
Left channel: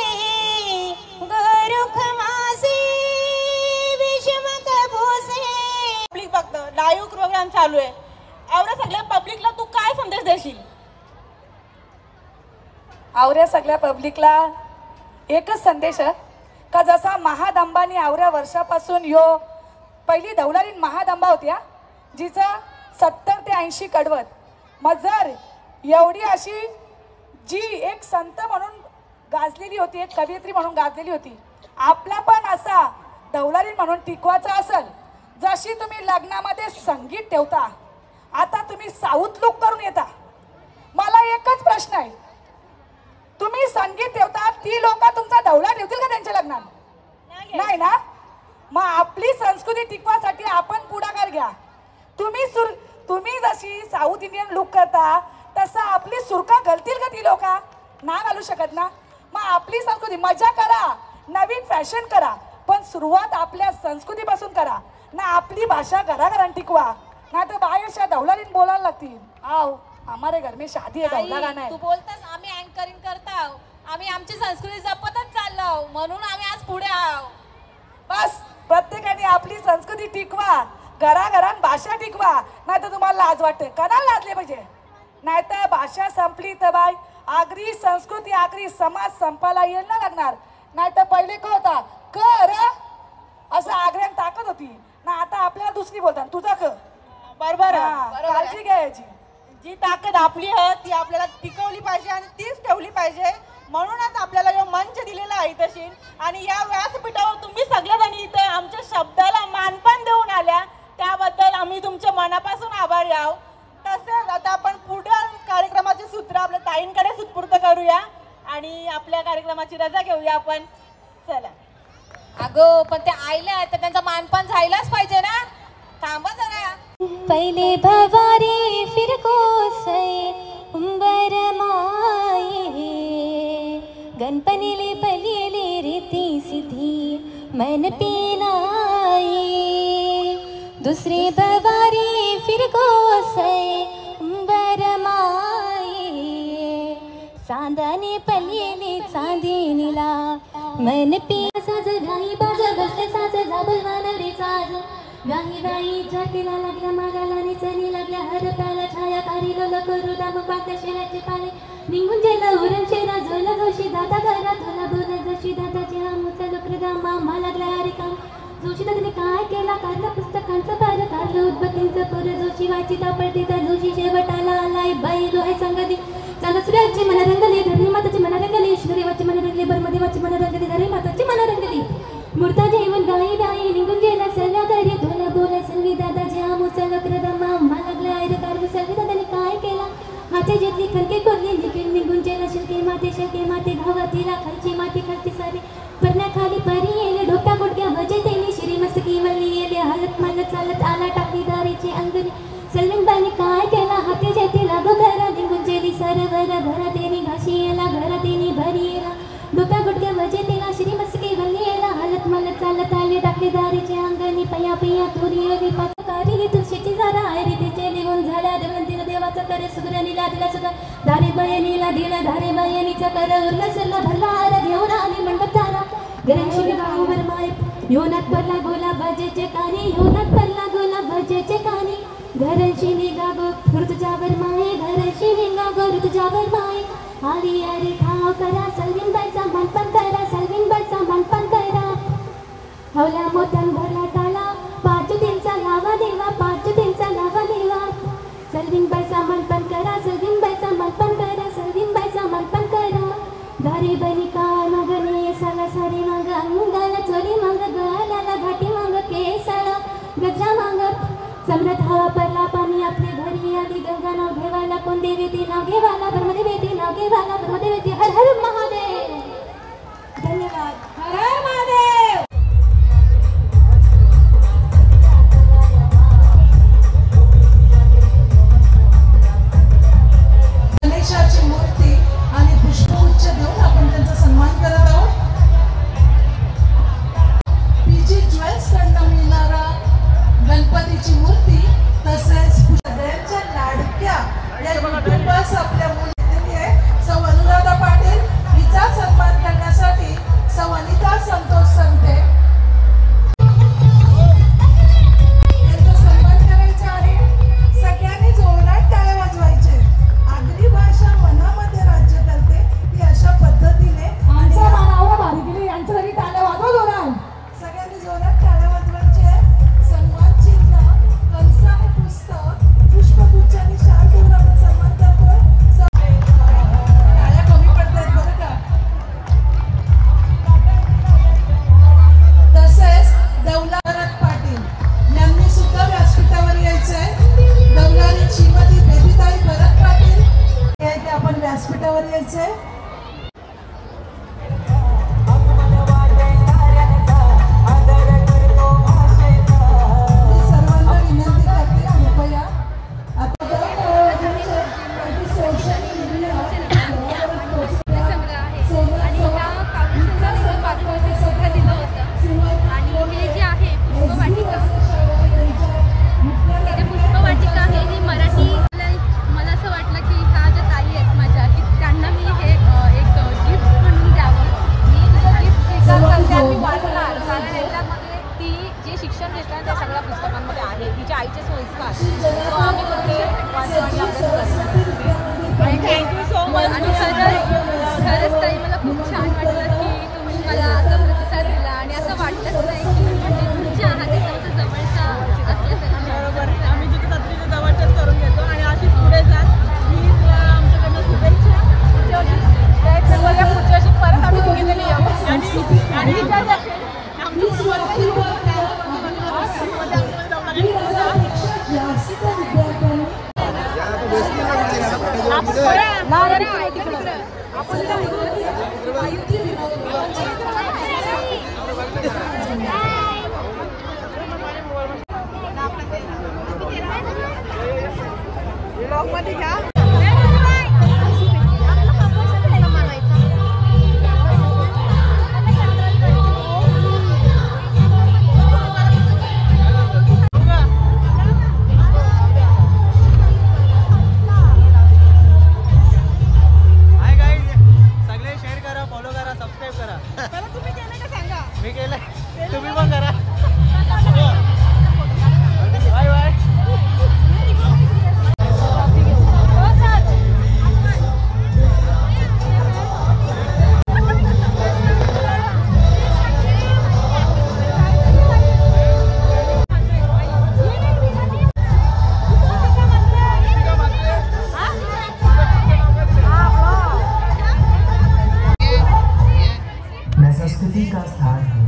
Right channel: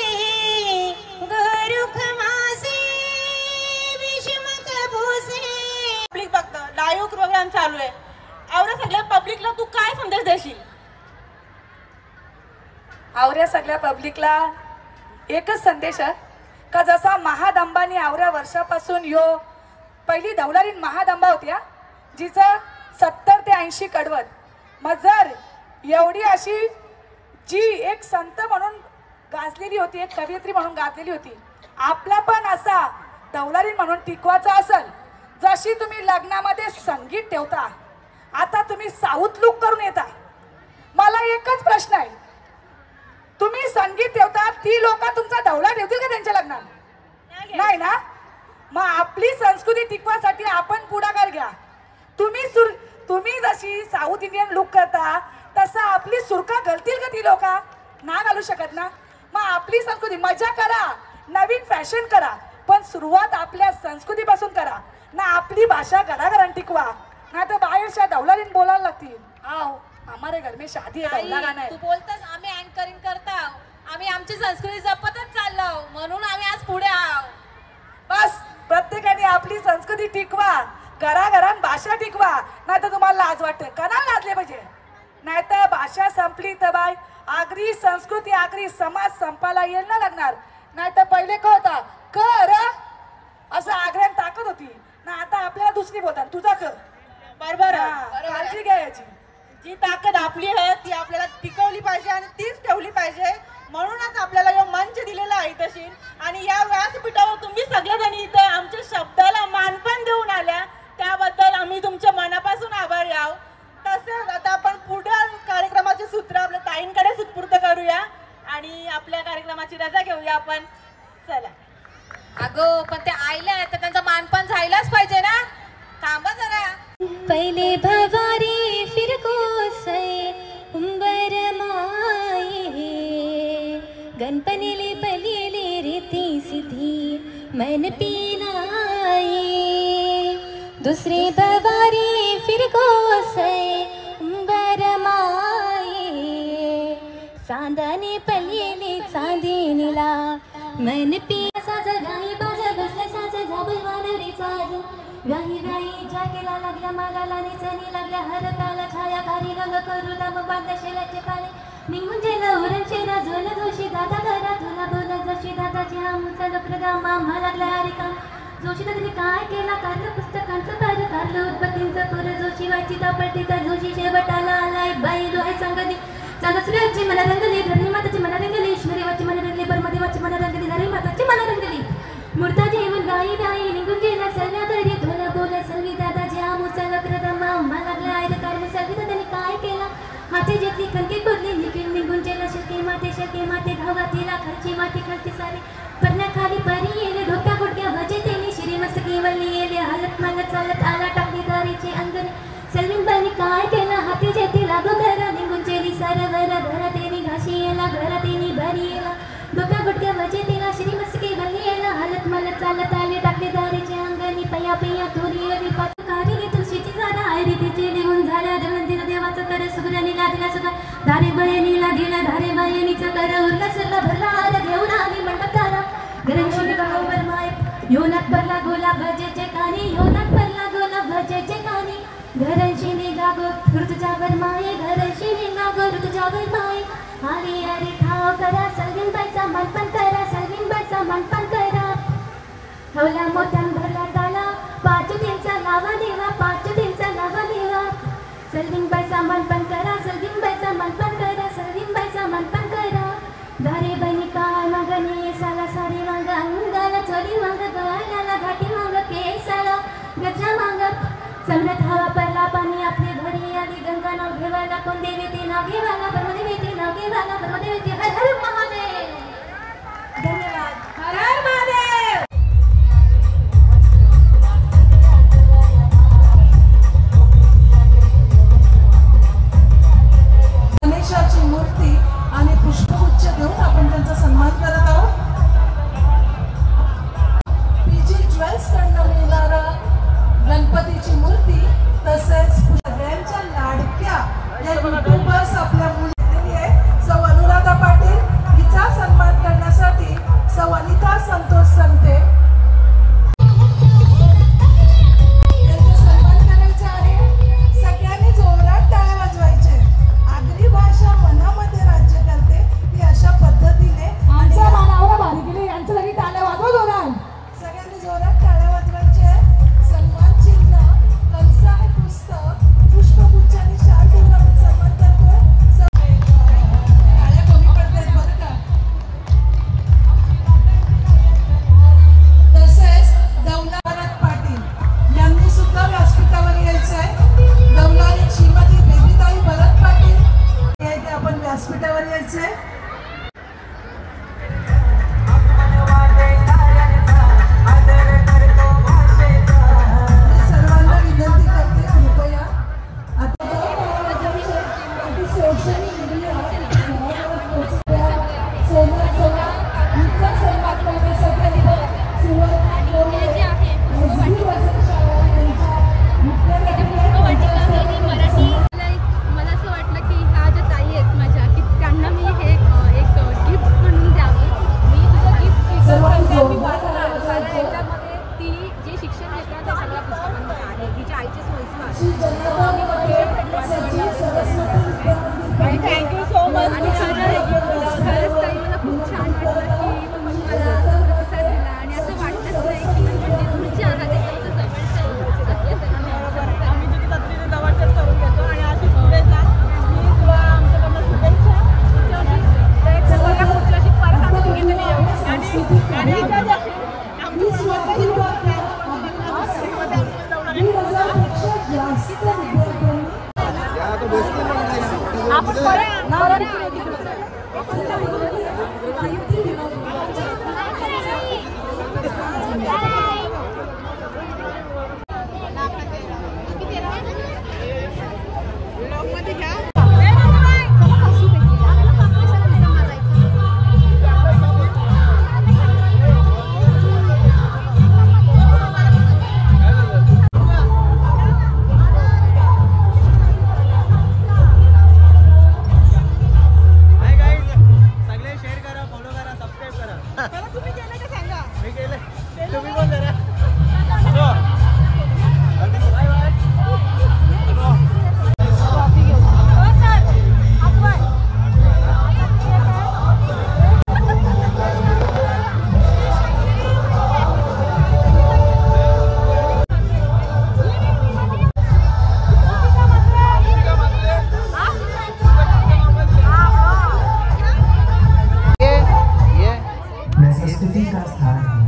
गुरुख मासे, Bhishmak Bhose. Public बघतं, live programme चालू आहे. एवढ्या सगळ्या पब्लिकला तू काय संदेश देशील? आवऱ्या सगळ्या पब्लिकला एकच संदेश आहे का जसा महादंबानी आवऱ्या वर्षापासून यो पहिली धवलारीन महादंबा होती जिचं 70 ते 80 कडवत. मग जर एवढी अशी जी एक संत म्हणून गाजलेली होती, एक कवयित्री म्हणून गाजलेली होती, आपला पण असा दौलारी म्हणून टिकवायचा असेल. जशी तुम्ही लग्नामध्ये संगीत ठेवता, आता तुम्ही साऊथ लुक करून येता. मला एकच प्रश्न आहे, तुम्ही संगीत ठेवता, ती लोक तुमचा दौला ठेवतील का त्यांच्या लग्नात? नाही ना. मग आपली संस्कृती टिकवासाठी आपण पुढाकार घ्या. तुम्ही जशी साऊथ इंडियन लुक करता तसं आपली सुरका घालतील का ती लोक? ना घालू शकत ना. मग आपली संस्कृती मजा करा, नवीन फॅशन करा, पण सुरुवात आपल्या संस्कृतीपासून करा ना. आपली भाषा घराघरात टिकवा, ना तर बाहेरच्या दौलारीन बोलायला लागतील. आओ हमारे घर में शादी है, दौला गाना है. तू बोलतस आम्ही अँकरिंग करता, आम्ही आमची संस्कृती जपतच चाललो, म्हणून आम्ही आज पुढे आहोत. बस प्रत्येकाने आपली संस्कृती टिकवा, घराघरात भाषा टिकवा. नाही तर तुम्हाला लाज वाटते, कणाला लाजले पाहिजे. नाहीतर भाषा संपली तर बाय आगरी संस्कृती, आगरी समाज संपायला येईल ना लागणार. नाहीतर पहिले क होता कर असं आग्र्यात ताकद होती ना, आता आपल्याला दुसरी बोलतात तुझा क. बरोबर काळजी घ्यायची. जी ताकद आपली आहे ती आपल्याला टिकवली पाहिजे आणि तीच ठेवली पाहिजे. म्हणूनच आपल्याला यो मंच दिलेला आहे तशी. आणि या व्यासपीठावर तुम्ही सगळेजण इथे आमच्या शब्दाला मानपण देऊन आल्या, त्याबद्दल आम्ही तुमच्या मनापासून आभारी आहोत. तसेच आता आपण पुढील कार्यक्रमाचे सूत्र आपल्या ताईंकडे सुपूर्द करूया आणि आपल्या कार्यक्रमाची रजा घेऊया आपण. चला. अगो पण ते आयल्या तर त्यांचा मानपान झायलाच पाहिजे ना. थांबा जरा. पहले भवारी फिर कोसय उंबर माये, गणपनीले पलीले रीती सिद्धी मन पिनाये. दुसरे भवारी फिर कोसय उंबर माये, चांदाने पलीले चांदिनीला मन पी. साज गाई बाजा घसले साज झाबल वानरे साज, गाई गाई जाकेला लागल्या मागाला निचरी लागल्या हरताला छायाकारी रंग करू दाम बागल्या शेराचे पाळे निघून गेला उरणचे राजवला जोशी दादा घरा तुला बोला जशी दादाची हा मुचल प्रदाम आम्हा लागला हरिकाम. जोशी दादाने काय केला काढलं पुस्तकांचं पाहिलं, काढलं उद्बत्तींचं पोरं जोशी व्हायची तापडती तर जोशी शेवटाला आलाय. बाई डोळे सांगली चालू सूर्याची मला रंगली, धरणी माताची मला रंगली, ईश्वरी वाची मला रंगली, बरमदेवाची मला रंगली, धरणी माताची मला रंगली. मूर्ता जेवण गाई बाई निघून गेला सगळ्या घरी धोला बोला सगळी दादाजी हा मुचल प्रदाम आम्हा लागला हरिकाम. सगळी दादाने काय केला हाती जेतली खणके कोरली निघून गेला शिरके माते धावा तिला खर्ची माती खर्ची सारी परण्याखाली पारी येले डोक्या गुडक्या वजे तेली शिरी मस्तकी वल्ली येले हलत मालत चालत आला टाकली दारीची अंगणी. सलीम बाईने काय केला हाती जेती लागो घरा निघून गेली सरवर घरा तेरी घाशी येला घरा तेनी भरी येला डोक्या गुडक्या वजे तिला शिरी मस्तकी वल्ली येला हलत मालत चालत आले टाकली दारीची अंगणी. पया पया तुरी येली पातकारी तुळशीची झाडा आयरी तिचे निघून झाला देवंतीला देवाचा कर सुगरणीला दिला सगळं धारे बायनीला दिला धारे बायनीचा कर उरला सरला भरला हार घेऊन आली मंडप तारा. घरांशी गावभर माय योनात भरला गोला भजेचे कानी, योनात भरला गोला भजेचे कानी. घरांशी निघा गो ऋतुजावर माये, घरांशी निघा गो ऋतुजावर माये. हरी हरी ठाव करा सलविन बाईचा मनपण करा, सलविन बाईचा मनपण करा. हवला मोठ्यान भरला ताला पाच दिनचा लावा देवा, पाच दिनचा लावा देवा. सलविन बाईचा मनपण करा, सलविन बाईचा मनपण करा, सलविन बाईचा मनपण करा. धारे बनी काय मगने साला सारी मांग अंगाला चोरी मांग गालाला घाटी मांग केसाला गजरा मांग. सम्राट हवा परला पाणी आपले घरी आली गंगा नाव घेवायला कोण देवी ती नाव घेवायला ब्रह्मदेवी ती नाव घेवायला ब्रह्मदेवी ती हर हर महादेव. धन्यवाद. हर हर महादेव. गणेशाची मूर्ती आणि पुष्पगुच्छ देऊन आपण त्यांचा सन्मान करत आहोत. पीजी ज्वेल्स कडनं मिळणारा गणपतीची मूर्ती तसेच सगळ्यांच्या लाडक्या या युट्यूबर्स आपल्या मुली आहे. सौ अनुराधा पाटील ब्लॉगमध्ये घ्या. तुम्ही केलं का सांगा. मी केलंय, तुम्ही पण करा. Bye bye. संस्कृति का स्थान है.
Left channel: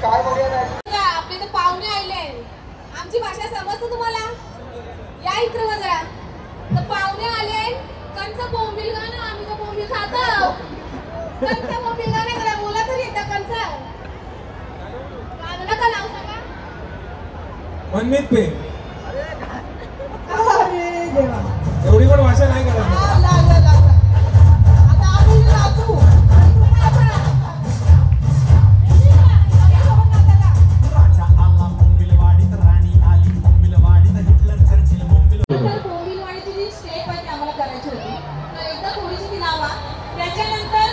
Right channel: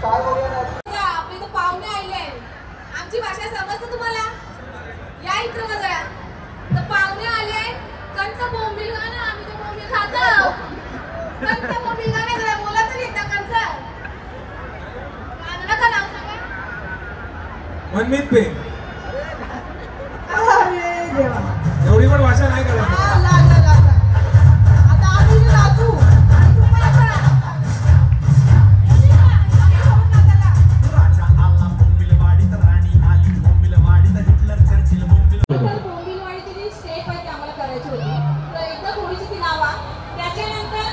आपले तर पाहुणे आले. आमची भाषा समजते तुम्हाला? या इकडे बघा. तर पाहुणे आले. कंच बोंबील गा ना. आम्ही तर बोंबील खातो. कंच बोंबील गा नाही जरा बोला तरी येतं कंच. माझं नका नाव सांगा. मनमीत पे. अरे देवा. एवढी पण भाषा नाही करायची. आता आम्ही राजू. त्याच्यानंतर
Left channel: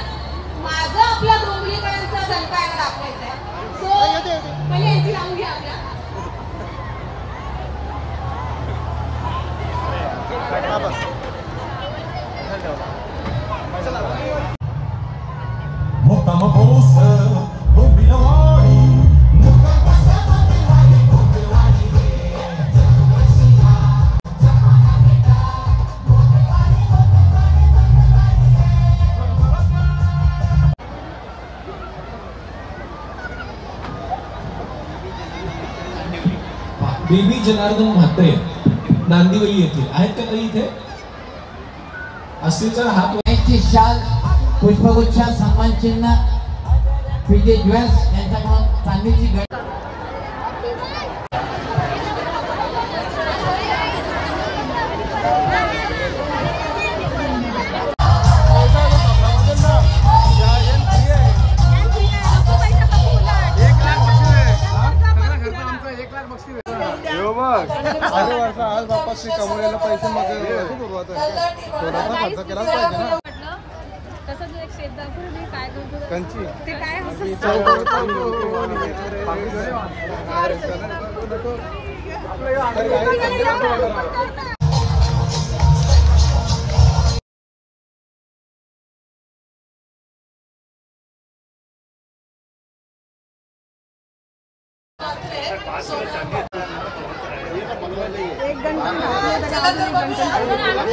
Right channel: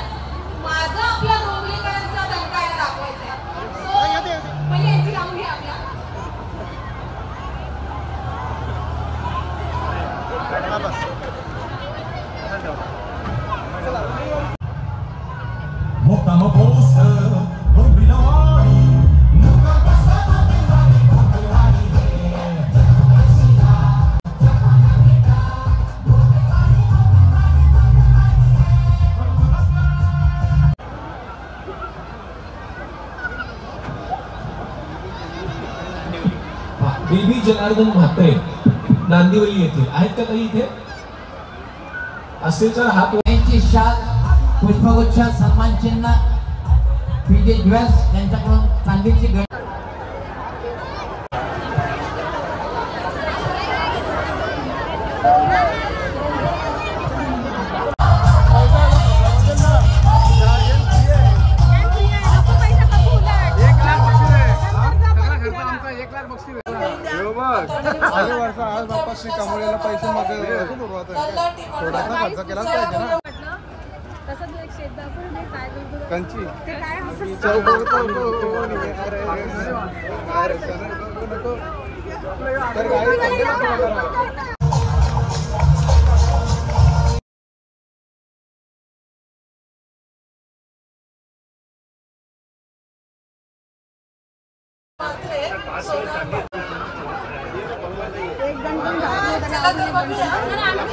माझं आपल्या बोंबलीकरांचा दणकायला दाखवायचा आहे. सो पहिले यांची नाव घ्या आपल्या. बेबी जनार्दन म्हात्रे नांदिवली येथे आहेत का काही इथे? असेल तर हात. शाल पुष्पगुच्छ सन्मान चिन्ह पीजे ज्वेल्स यांच्याकडून चांदीची भेट. आज बापाशी कमवलेला पैसे मग थोडासा खर्च केलाच पाहिजे ना. कंची एक गंठन घातले तर अजून एक गंठन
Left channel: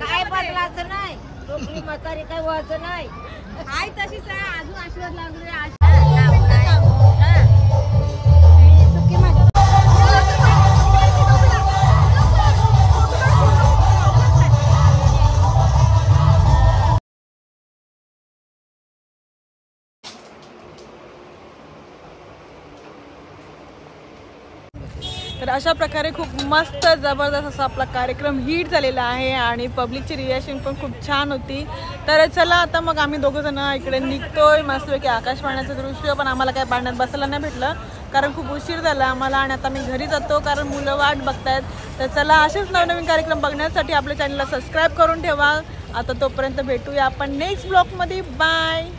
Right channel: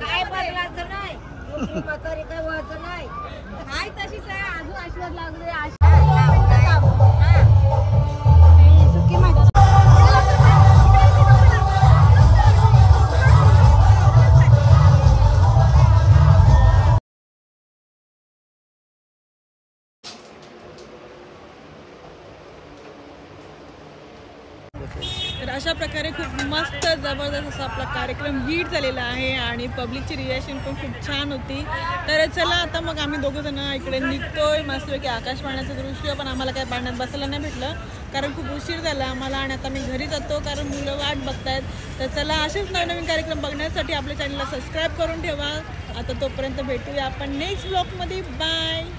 काय बदलायचं नाही, म्हातारी काय व्हायचं नाही, आई तशीच आहे, अजून आशीर्वाद लागले. तर अशा प्रकारे खूप मस्त जबरदस्त असा आपला कार्यक्रम हिट झालेला आहे आणि पब्लिकची रिॲक्शन पण खूप छान होती. तर चला आता मग आम्ही दोघं जण इकडे निघतोय. मस्तपैकी आकाशवाण्याचं दृश्य पण आम्हाला काय पाण्यात बसायला नाही भेटलं कारण खूप उशीर झाला आम्हाला आणि आता मी घरी जातो कारण मुलं वाट बघतायत. तर चला असेच नवनवीन कार्यक्रम बघण्यासाठी आपल्या चॅनलला सबस्क्राईब करून ठेवा. आता तोपर्यंत भेटूया आपण नेक्स्ट ब्लॉगमध्ये. बाय.